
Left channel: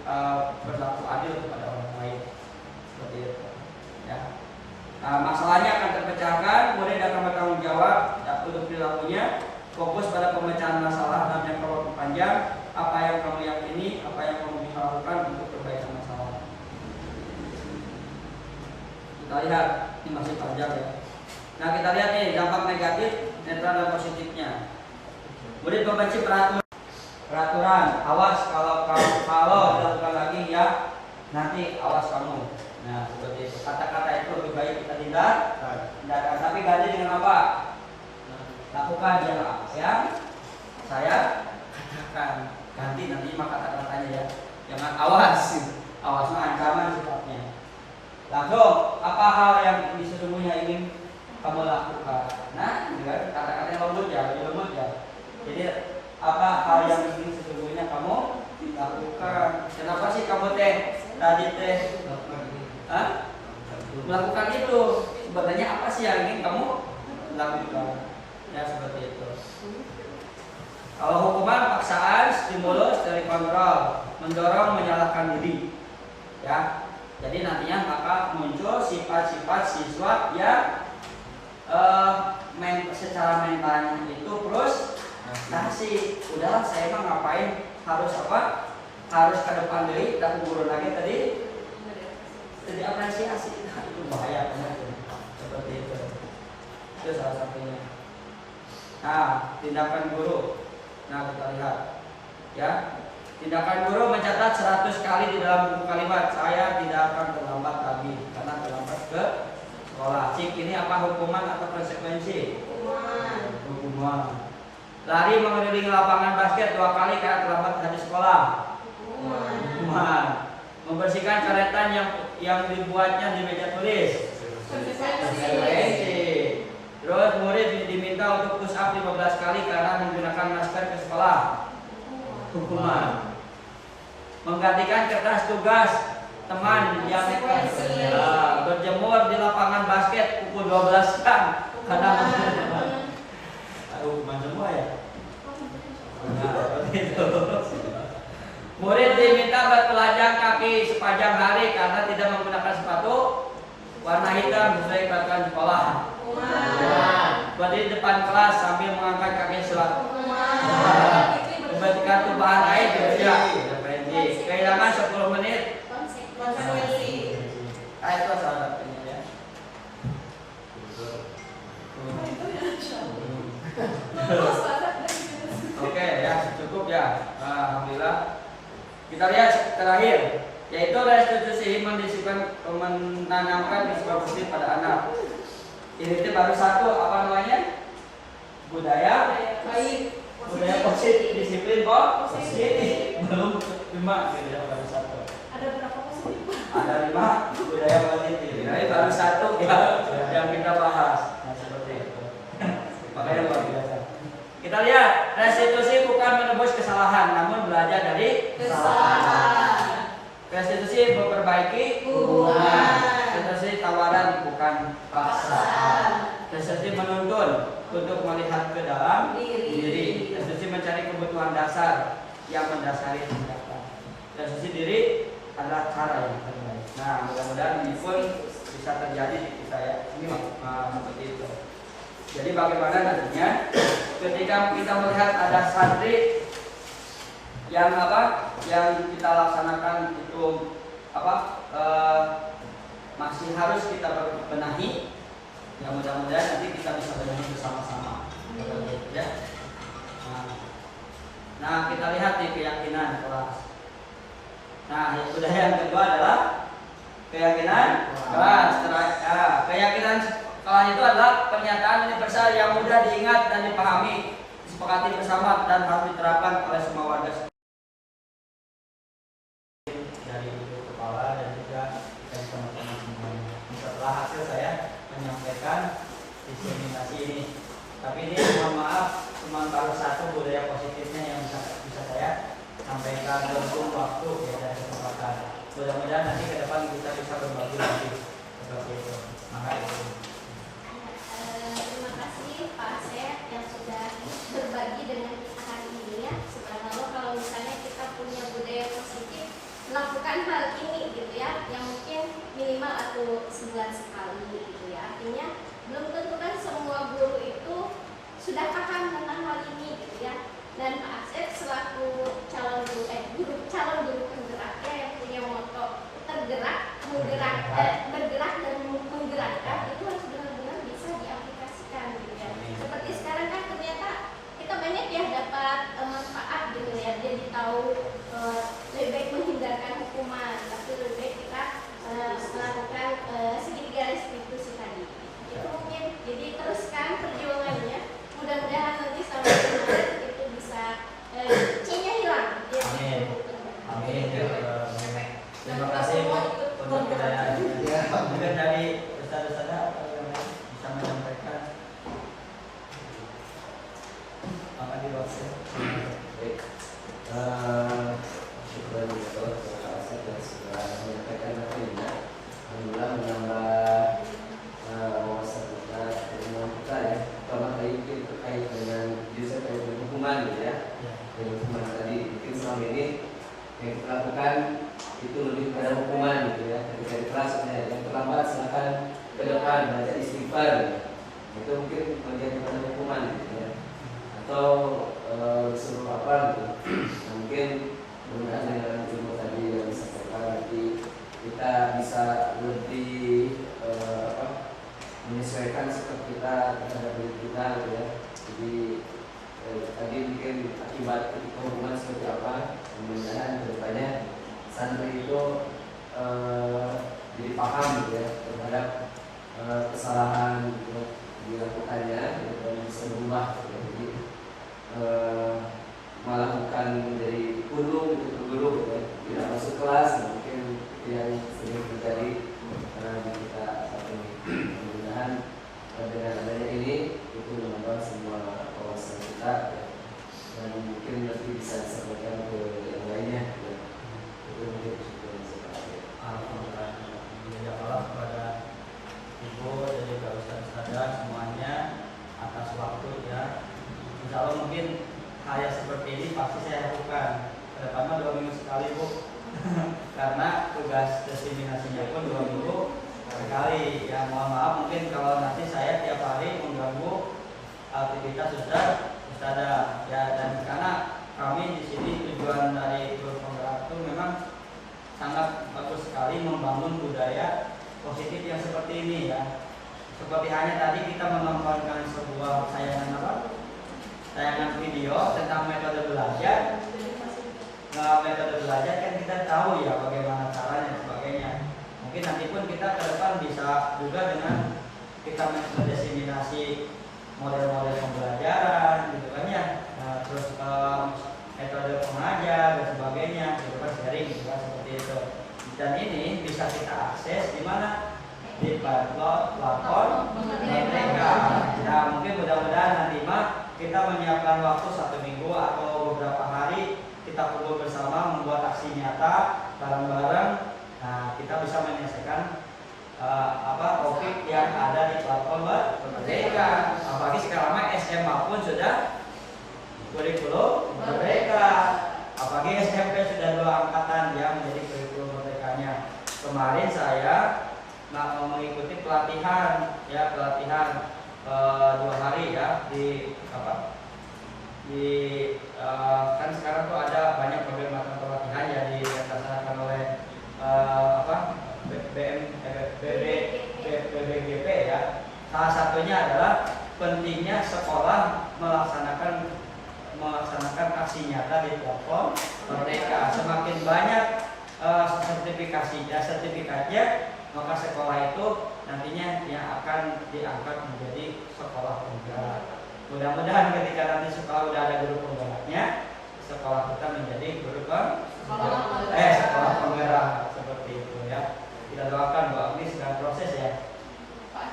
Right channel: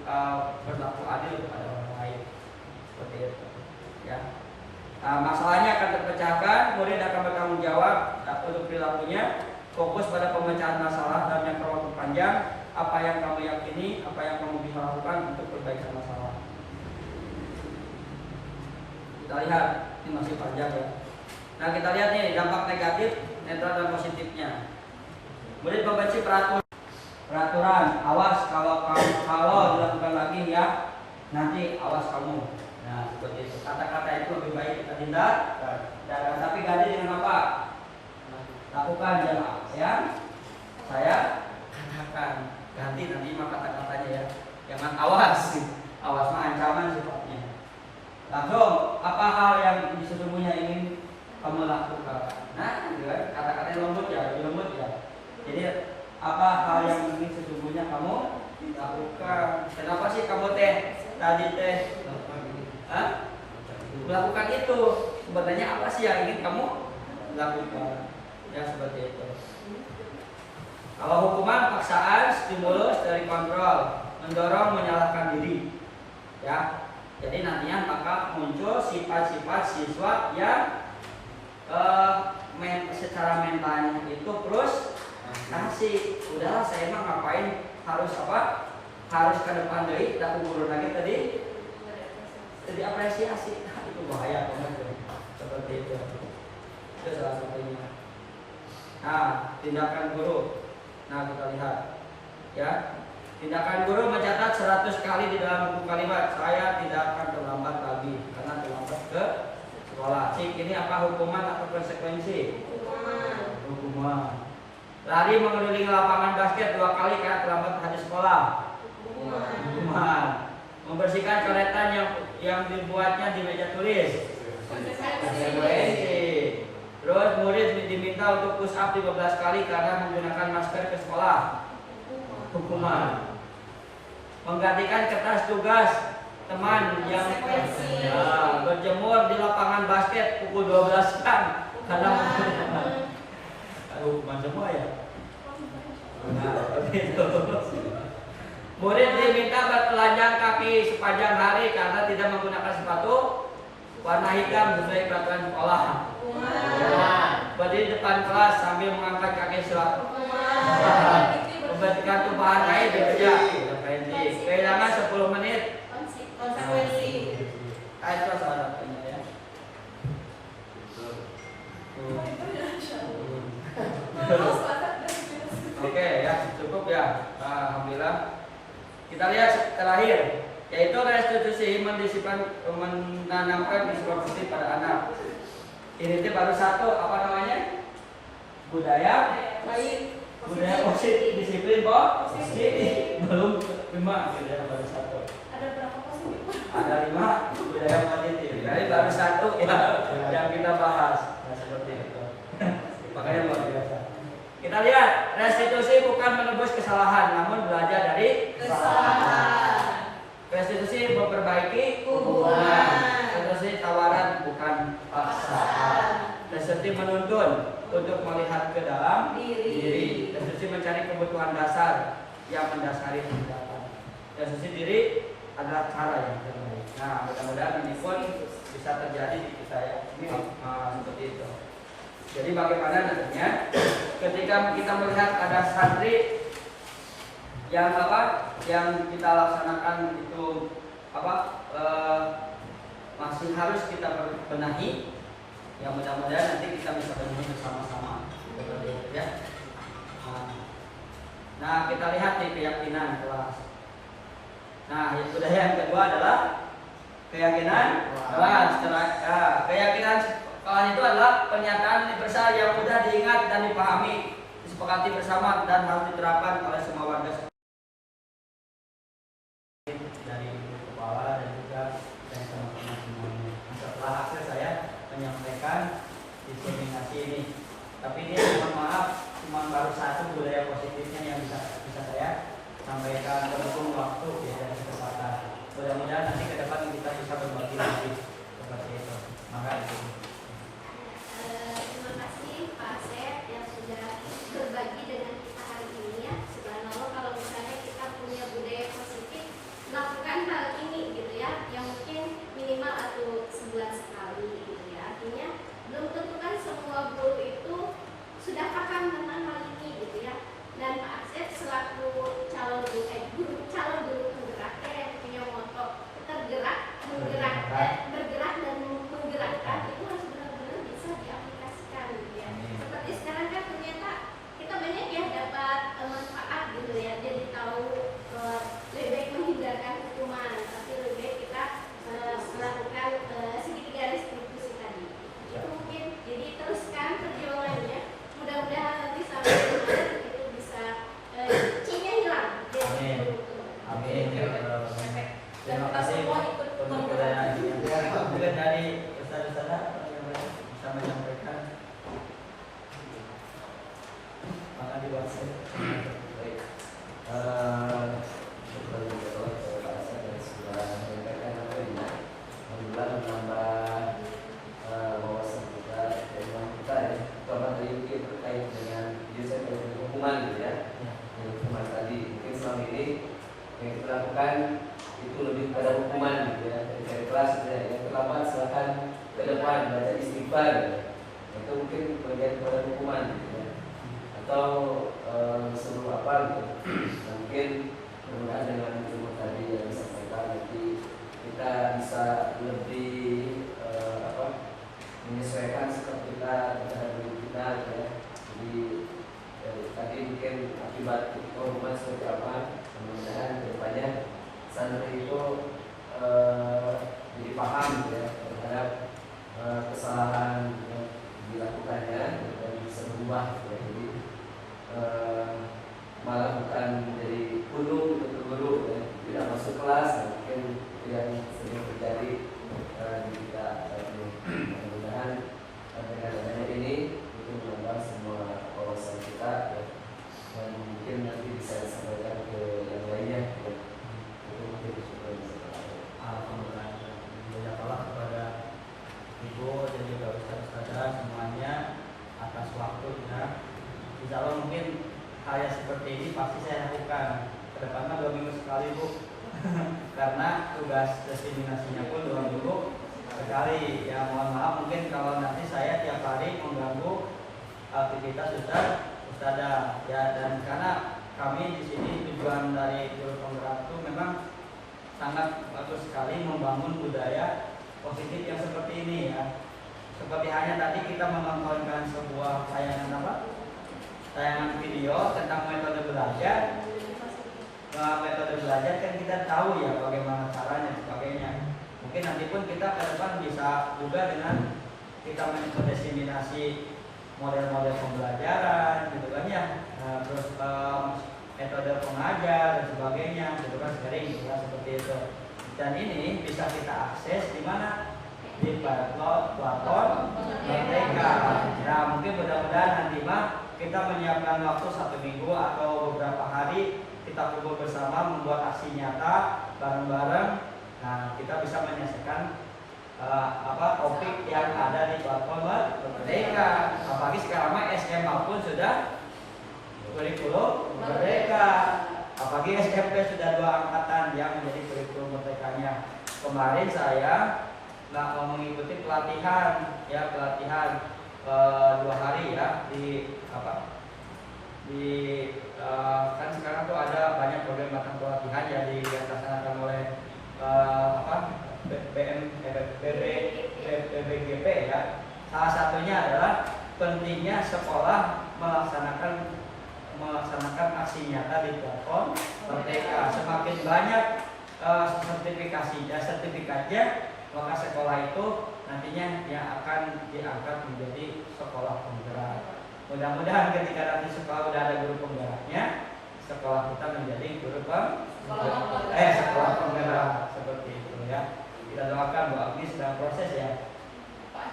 berlaku adil kepada orang lain. Seperti itu. Ya. Nah, masalahnya akan terpecahkan, murid akan bertanggung jawab untuk perilakunya, fokus pada pemecahan masalah dalam jangka waktu panjang, apa yang kamu yakini, apa yang kamu bisa lakukan untuk perbaikan masalah. Kita lihat, ini masih panjang ya. Nah kita lihat nih dampak negatif, netral dan positifnya. Murid membenci peraturan, awas kalau dilakukan lagi ya, nanti awas kamu. Nah seperti itu. Kata-kata itu lebih baik kita tindakan, tapi ganti dengan apa? Lakukan yang saya katakan. Ganti nanti mah kata-katanya ya. Jangan awas mah ancaman sifatnya. Langsung apa hal yang sesungguhnya ingin kamu lakukan. Nah, gitu kan, kata-kata yang lembut ya, lebih lembut ya. Jadi apa hal yang ingin sesungguhnya kamu lakukan. Kenapa sih kamu tadi melakukan itu? Sebenarnya apa sih yang ingin kamu lakukan? Ya seperti itu. Kalau hukuman, paksaan, stimulus dari kontrol, mendorong menyalahkan diri, ya. Jadi nantinya maka muncul sifat-sifat siswa yang secara mentalnya itu frustasi. Udahlah saya mah ngapain harus ke depan deui, tak guru lagi tadi apresiasi. Nah, itu bahaya banget seperti itu. Itu salah satunya. Nah, tindakan guru. Nah, kita lihat ya. Tindakan guru mencatat 100 kali di dalam buku kalimat, saya tidak akan terlambat lagi karena terlambat ke sekolah. Cik, ini apa hukuman atau konsekuensi? Hukuman. Lari mengelilingi lapangan basket 2 kali karena terlambat hadir sekolah. Hukuman. Membersihkan coretan yang dibuatnya di meja tulis. Konsekuensi. Terus murid diminta untuk push up 15 kali karena menggunakan masker ke sekolah. Hukuman. Menggantikan kertas tugas teman yang berjemur di lapangan basket pukul 12 siang karena hukuman semua ya. Murid diminta bertelanjang kaki sepanjang hari karena tidak menggunakan sepatu warna hitam sesuai peraturan sekolah. Berdiri depan kelas sambil mengangkat kaki selalu. Membersihkan tumpahan air juga. Kehilangan 10 menit. Konsekuensi. Itu salah satunya ya. Oke ya, cukup ya. Alhamdulillah. Kita lihat terakhir, yaitu restitusi menanamkan disiplin positif pada anak. Ini baru satu, apa namanya? Budaya positif, disiplin positif. Belum 5 gitu ya, baru satu. Ada berapa positif? Ada 5 budaya positif. Ini baru 1 ya yang kita bahas. Nah, seperti itu. Makanya luar biasa. Kita lihat, restitusi bukan menebus kesalahan, namun belajar dari Kesalahan. Restitusi memperbaiki hubungan. Restitusi tawaran bukan paksaan. Restitusi menuntun untuk melihat ke dalam diri. Restitusi mencari kebutuhan dasar yang mendasari tindakan. Restitusi diri adalah cara yang terbaik. Nah, mudah-mudahan ini pun bisa terjadi di kita ya. Ini seperti itu. Jadi bagaimana nantinya ketika kita melihat ada santri yang yang kita laksanakan itu masih harus kita benahi, ya mudah-mudahan nanti kita bisa benahi bersama-sama ya. Nah, kita lihat nih keyakinan kelas. Nah, budaya yang kedua adalah keyakinan kelas. Keyakinan kelas itu adalah pernyataan universal yang mudah diingat dan dipahami, disepakati bersama dan harus diterapkan oleh semua warga dari ibu kepala dan juga dari teman-teman semuanya. Setelah hasil saya menyampaikan diseminasi ini, tapi ini mohon maaf cuma baru 1 budaya positifnya yang bisa saya sampaikan berhubung waktu ya dan kesempatan. Mudah-mudahan nanti ke depan kita bisa berbagi lagi seperti itu. Terima kasih Pak Asep yang sudah berbagi dengan kita hari ini ya. Subhanallah, kalau misalnya kita punya budaya positif melakukan hal ini gitu ya, yang mungkin minimal atau sebulan sekali gitu ya. Artinya belum tentu kan semua guru itu sudah paham tentang hal ini gitu ya. Dan Pak Asep selaku calon guru penggerak yang punya moto bergerak dan menggerakkan, itu harus benar-benar bisa diaplikasikan gitu ya. Seperti sekarang kan ternyata kita banyak ya dapat manfaat gitu ya, jadi tahu lebih baik menghindarkan hukuman, tapi lebih baik kita melakukan segitiga restitusi tadi. Itu mungkin jadi teruskan perjuangannya, mudah-mudahan nanti sampai Maret itu bisa C-nya hilang ya. Amin. Terima kasih untuk mungkin dari ustaz-ustaz bisa menyampaikan maka di luar saya. Baik. Syukur juga kepada Pak Asep dan segala menyampaikan apa ini. Alhamdulillah menambah wawasan kita dengan kita ya. Terutama tadi itu kait dengan biasa kait dengan hukuman gitu ya. Dengan hukuman tadi mungkin selama ini yang kita lakukan itu lebih pada hukuman gitu ya. Ketika di kelas ya, yang terlambat silakan ke depan baca istighfar gitu. Itu mungkin bagian kepada hukuman gitu ya. Atau disuruh apa gitu. Nah, mungkin mudah-mudahan dengan ilmu tadi yang disampaikan nanti kita bisa lebih menyesuaikan sikap kita terhadap diri kita gitu ya. Jadi tadi mungkin akibat ketika hukuman seperti apa, mudah-mudahan kedepannya santri itu jadi paham gitu ya terhadap kesalahan gitu, dilakukannya gitu, dan bisa berubah gitu. Jadi malah bukan menjadi guru gitu, guru gitu, tidak masuk kelas, mungkin yang sering terjadi di kita saat ini. Mudah-mudahan dengan adanya ini itu menambah semua wawasan kita ya, dan mungkin nanti bisa disampaikan ke yang lainnya ya. Itu mungkin Alhamdulillah. Alhamdulillah kepada Ibu dan juga ustaz-ustazah semuanya atas waktunya. Insya Allah mungkin hal yang seperti ini pasti saya lakukan kedepannya 2 minggu sekali Bu. Karena tugas diseminasinya pun 2 minggu sekali. Yang mohon maaf mungkin kalau nanti saya tiap hari mengganggu aktivitas ustazah ya, dan karena kami di sini tujuan dari guru penggerak itu memang sangat bagus sekali membangun budaya positif yang seperti ini ya. Seperti hanya tadi kita menontonkan sebuah tayangan video tentang metode belajar. Metode belajar kan kita tahu ya bagaimana caranya dan sebagainya. Mungkin nanti pun kita ke depan bisa juga dengan kita mendiseminasi model-model pembelajaran gitu kan ya. Nah, terus metode pengajar dan sebagainya gitu kan, sharing gitu kan, seperti itu. Dan ini bisa kita menyiapkan waktu 1 minggu atau beberapa hari kita kumpul bersama membuat aksi nyata bareng-bareng. Nah, kita bisa menyelesaikan topik yang ada di platform Merdeka. Apalagi sekarang SMA pun sudah kurikulum Merdeka. Apalagi SMP sudah 2 angkatan yang menjadi kurikulum Merdekanya. Kemarin saya mengikuti pelatihan 2 hari ya di kan sekarang tuh ada banyak berbagai macam pelatihan yang dilaksanakan oleh BBGP ya. Salah satunya adalah pentingnya sekolah melaksanakan aksi nyata di platform Merdeka. Semakin banyak sertifikatnya, maka sekolah itu nantinya yang akan diangkat menjadi sekolah penggerak. Mudah-mudahan ketika nanti sekolah udah ada guru penggeraknya, sekolah kita menjadi sekolah penggerak seperti itu ya. Kita doakan Bu Agni sedang proses ya. Pak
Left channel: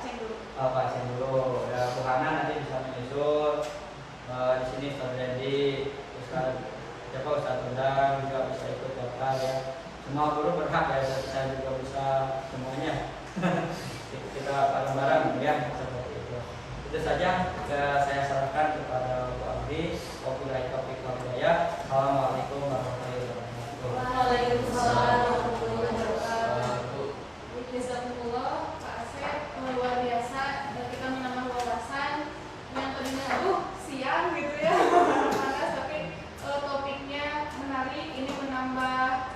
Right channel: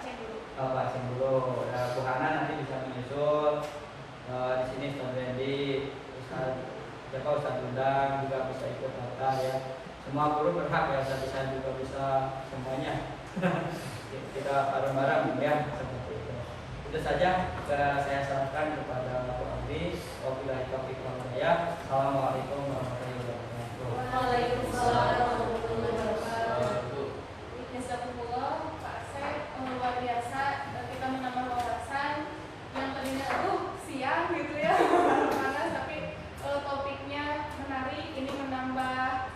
Aceh dulu. Ya, Bu Hana nanti bisa menyusul. Di sini Ustaz Randy, Ustaz Undang juga bisa ikut daftar ya. Semua guru berhak ya, saya juga bisa semuanya. Kita bareng-bareng ya seperti itu. Itu saja saya serahkan kepada Bu Abdi. Wabillahi taufiq wal hidayah. Assalamualaikum warahmatullahi wabarakatuh. Waalaikumsalam warahmatullahi wabarakatuh. Jazakumullah Pak Asep, luar biasa. Kita menambah wawasan yang tadinya siang gitu ya panas, tapi topiknya menarik. Ini menambah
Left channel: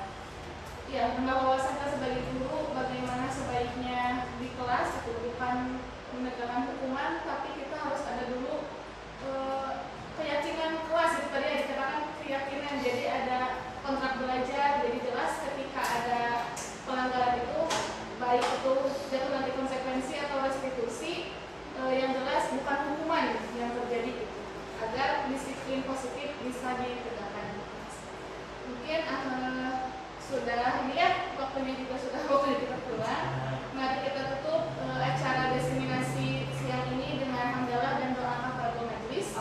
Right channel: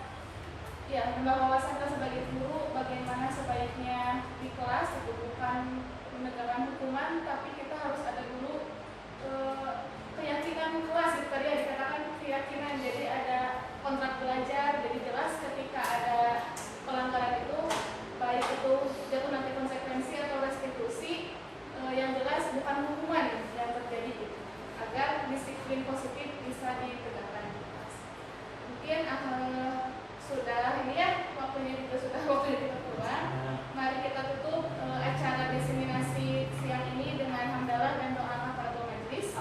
wawasan kita sebagai guru, bagaimana sebaiknya di kelas itu bukan menegakkan hukuman, tapi kita harus ada dulu keyakinan kelas. Itu tadi ada dikatakan keyakinan, jadi ada kontrak belajar. Jadi jelas ketika ada pelanggaran itu, baik itu jatuh nanti konsekuensi atau restitusi, yang jelas bukan hukuman yang terjadi itu, agar disiplin positif bisa ditegakkan. Mungkin sudah ini ya, waktunya juga sudah waktunya kita pulang. Mari kita tutup acara diseminasi siang ini dengan hamdalah dan doa kafaratul majlis.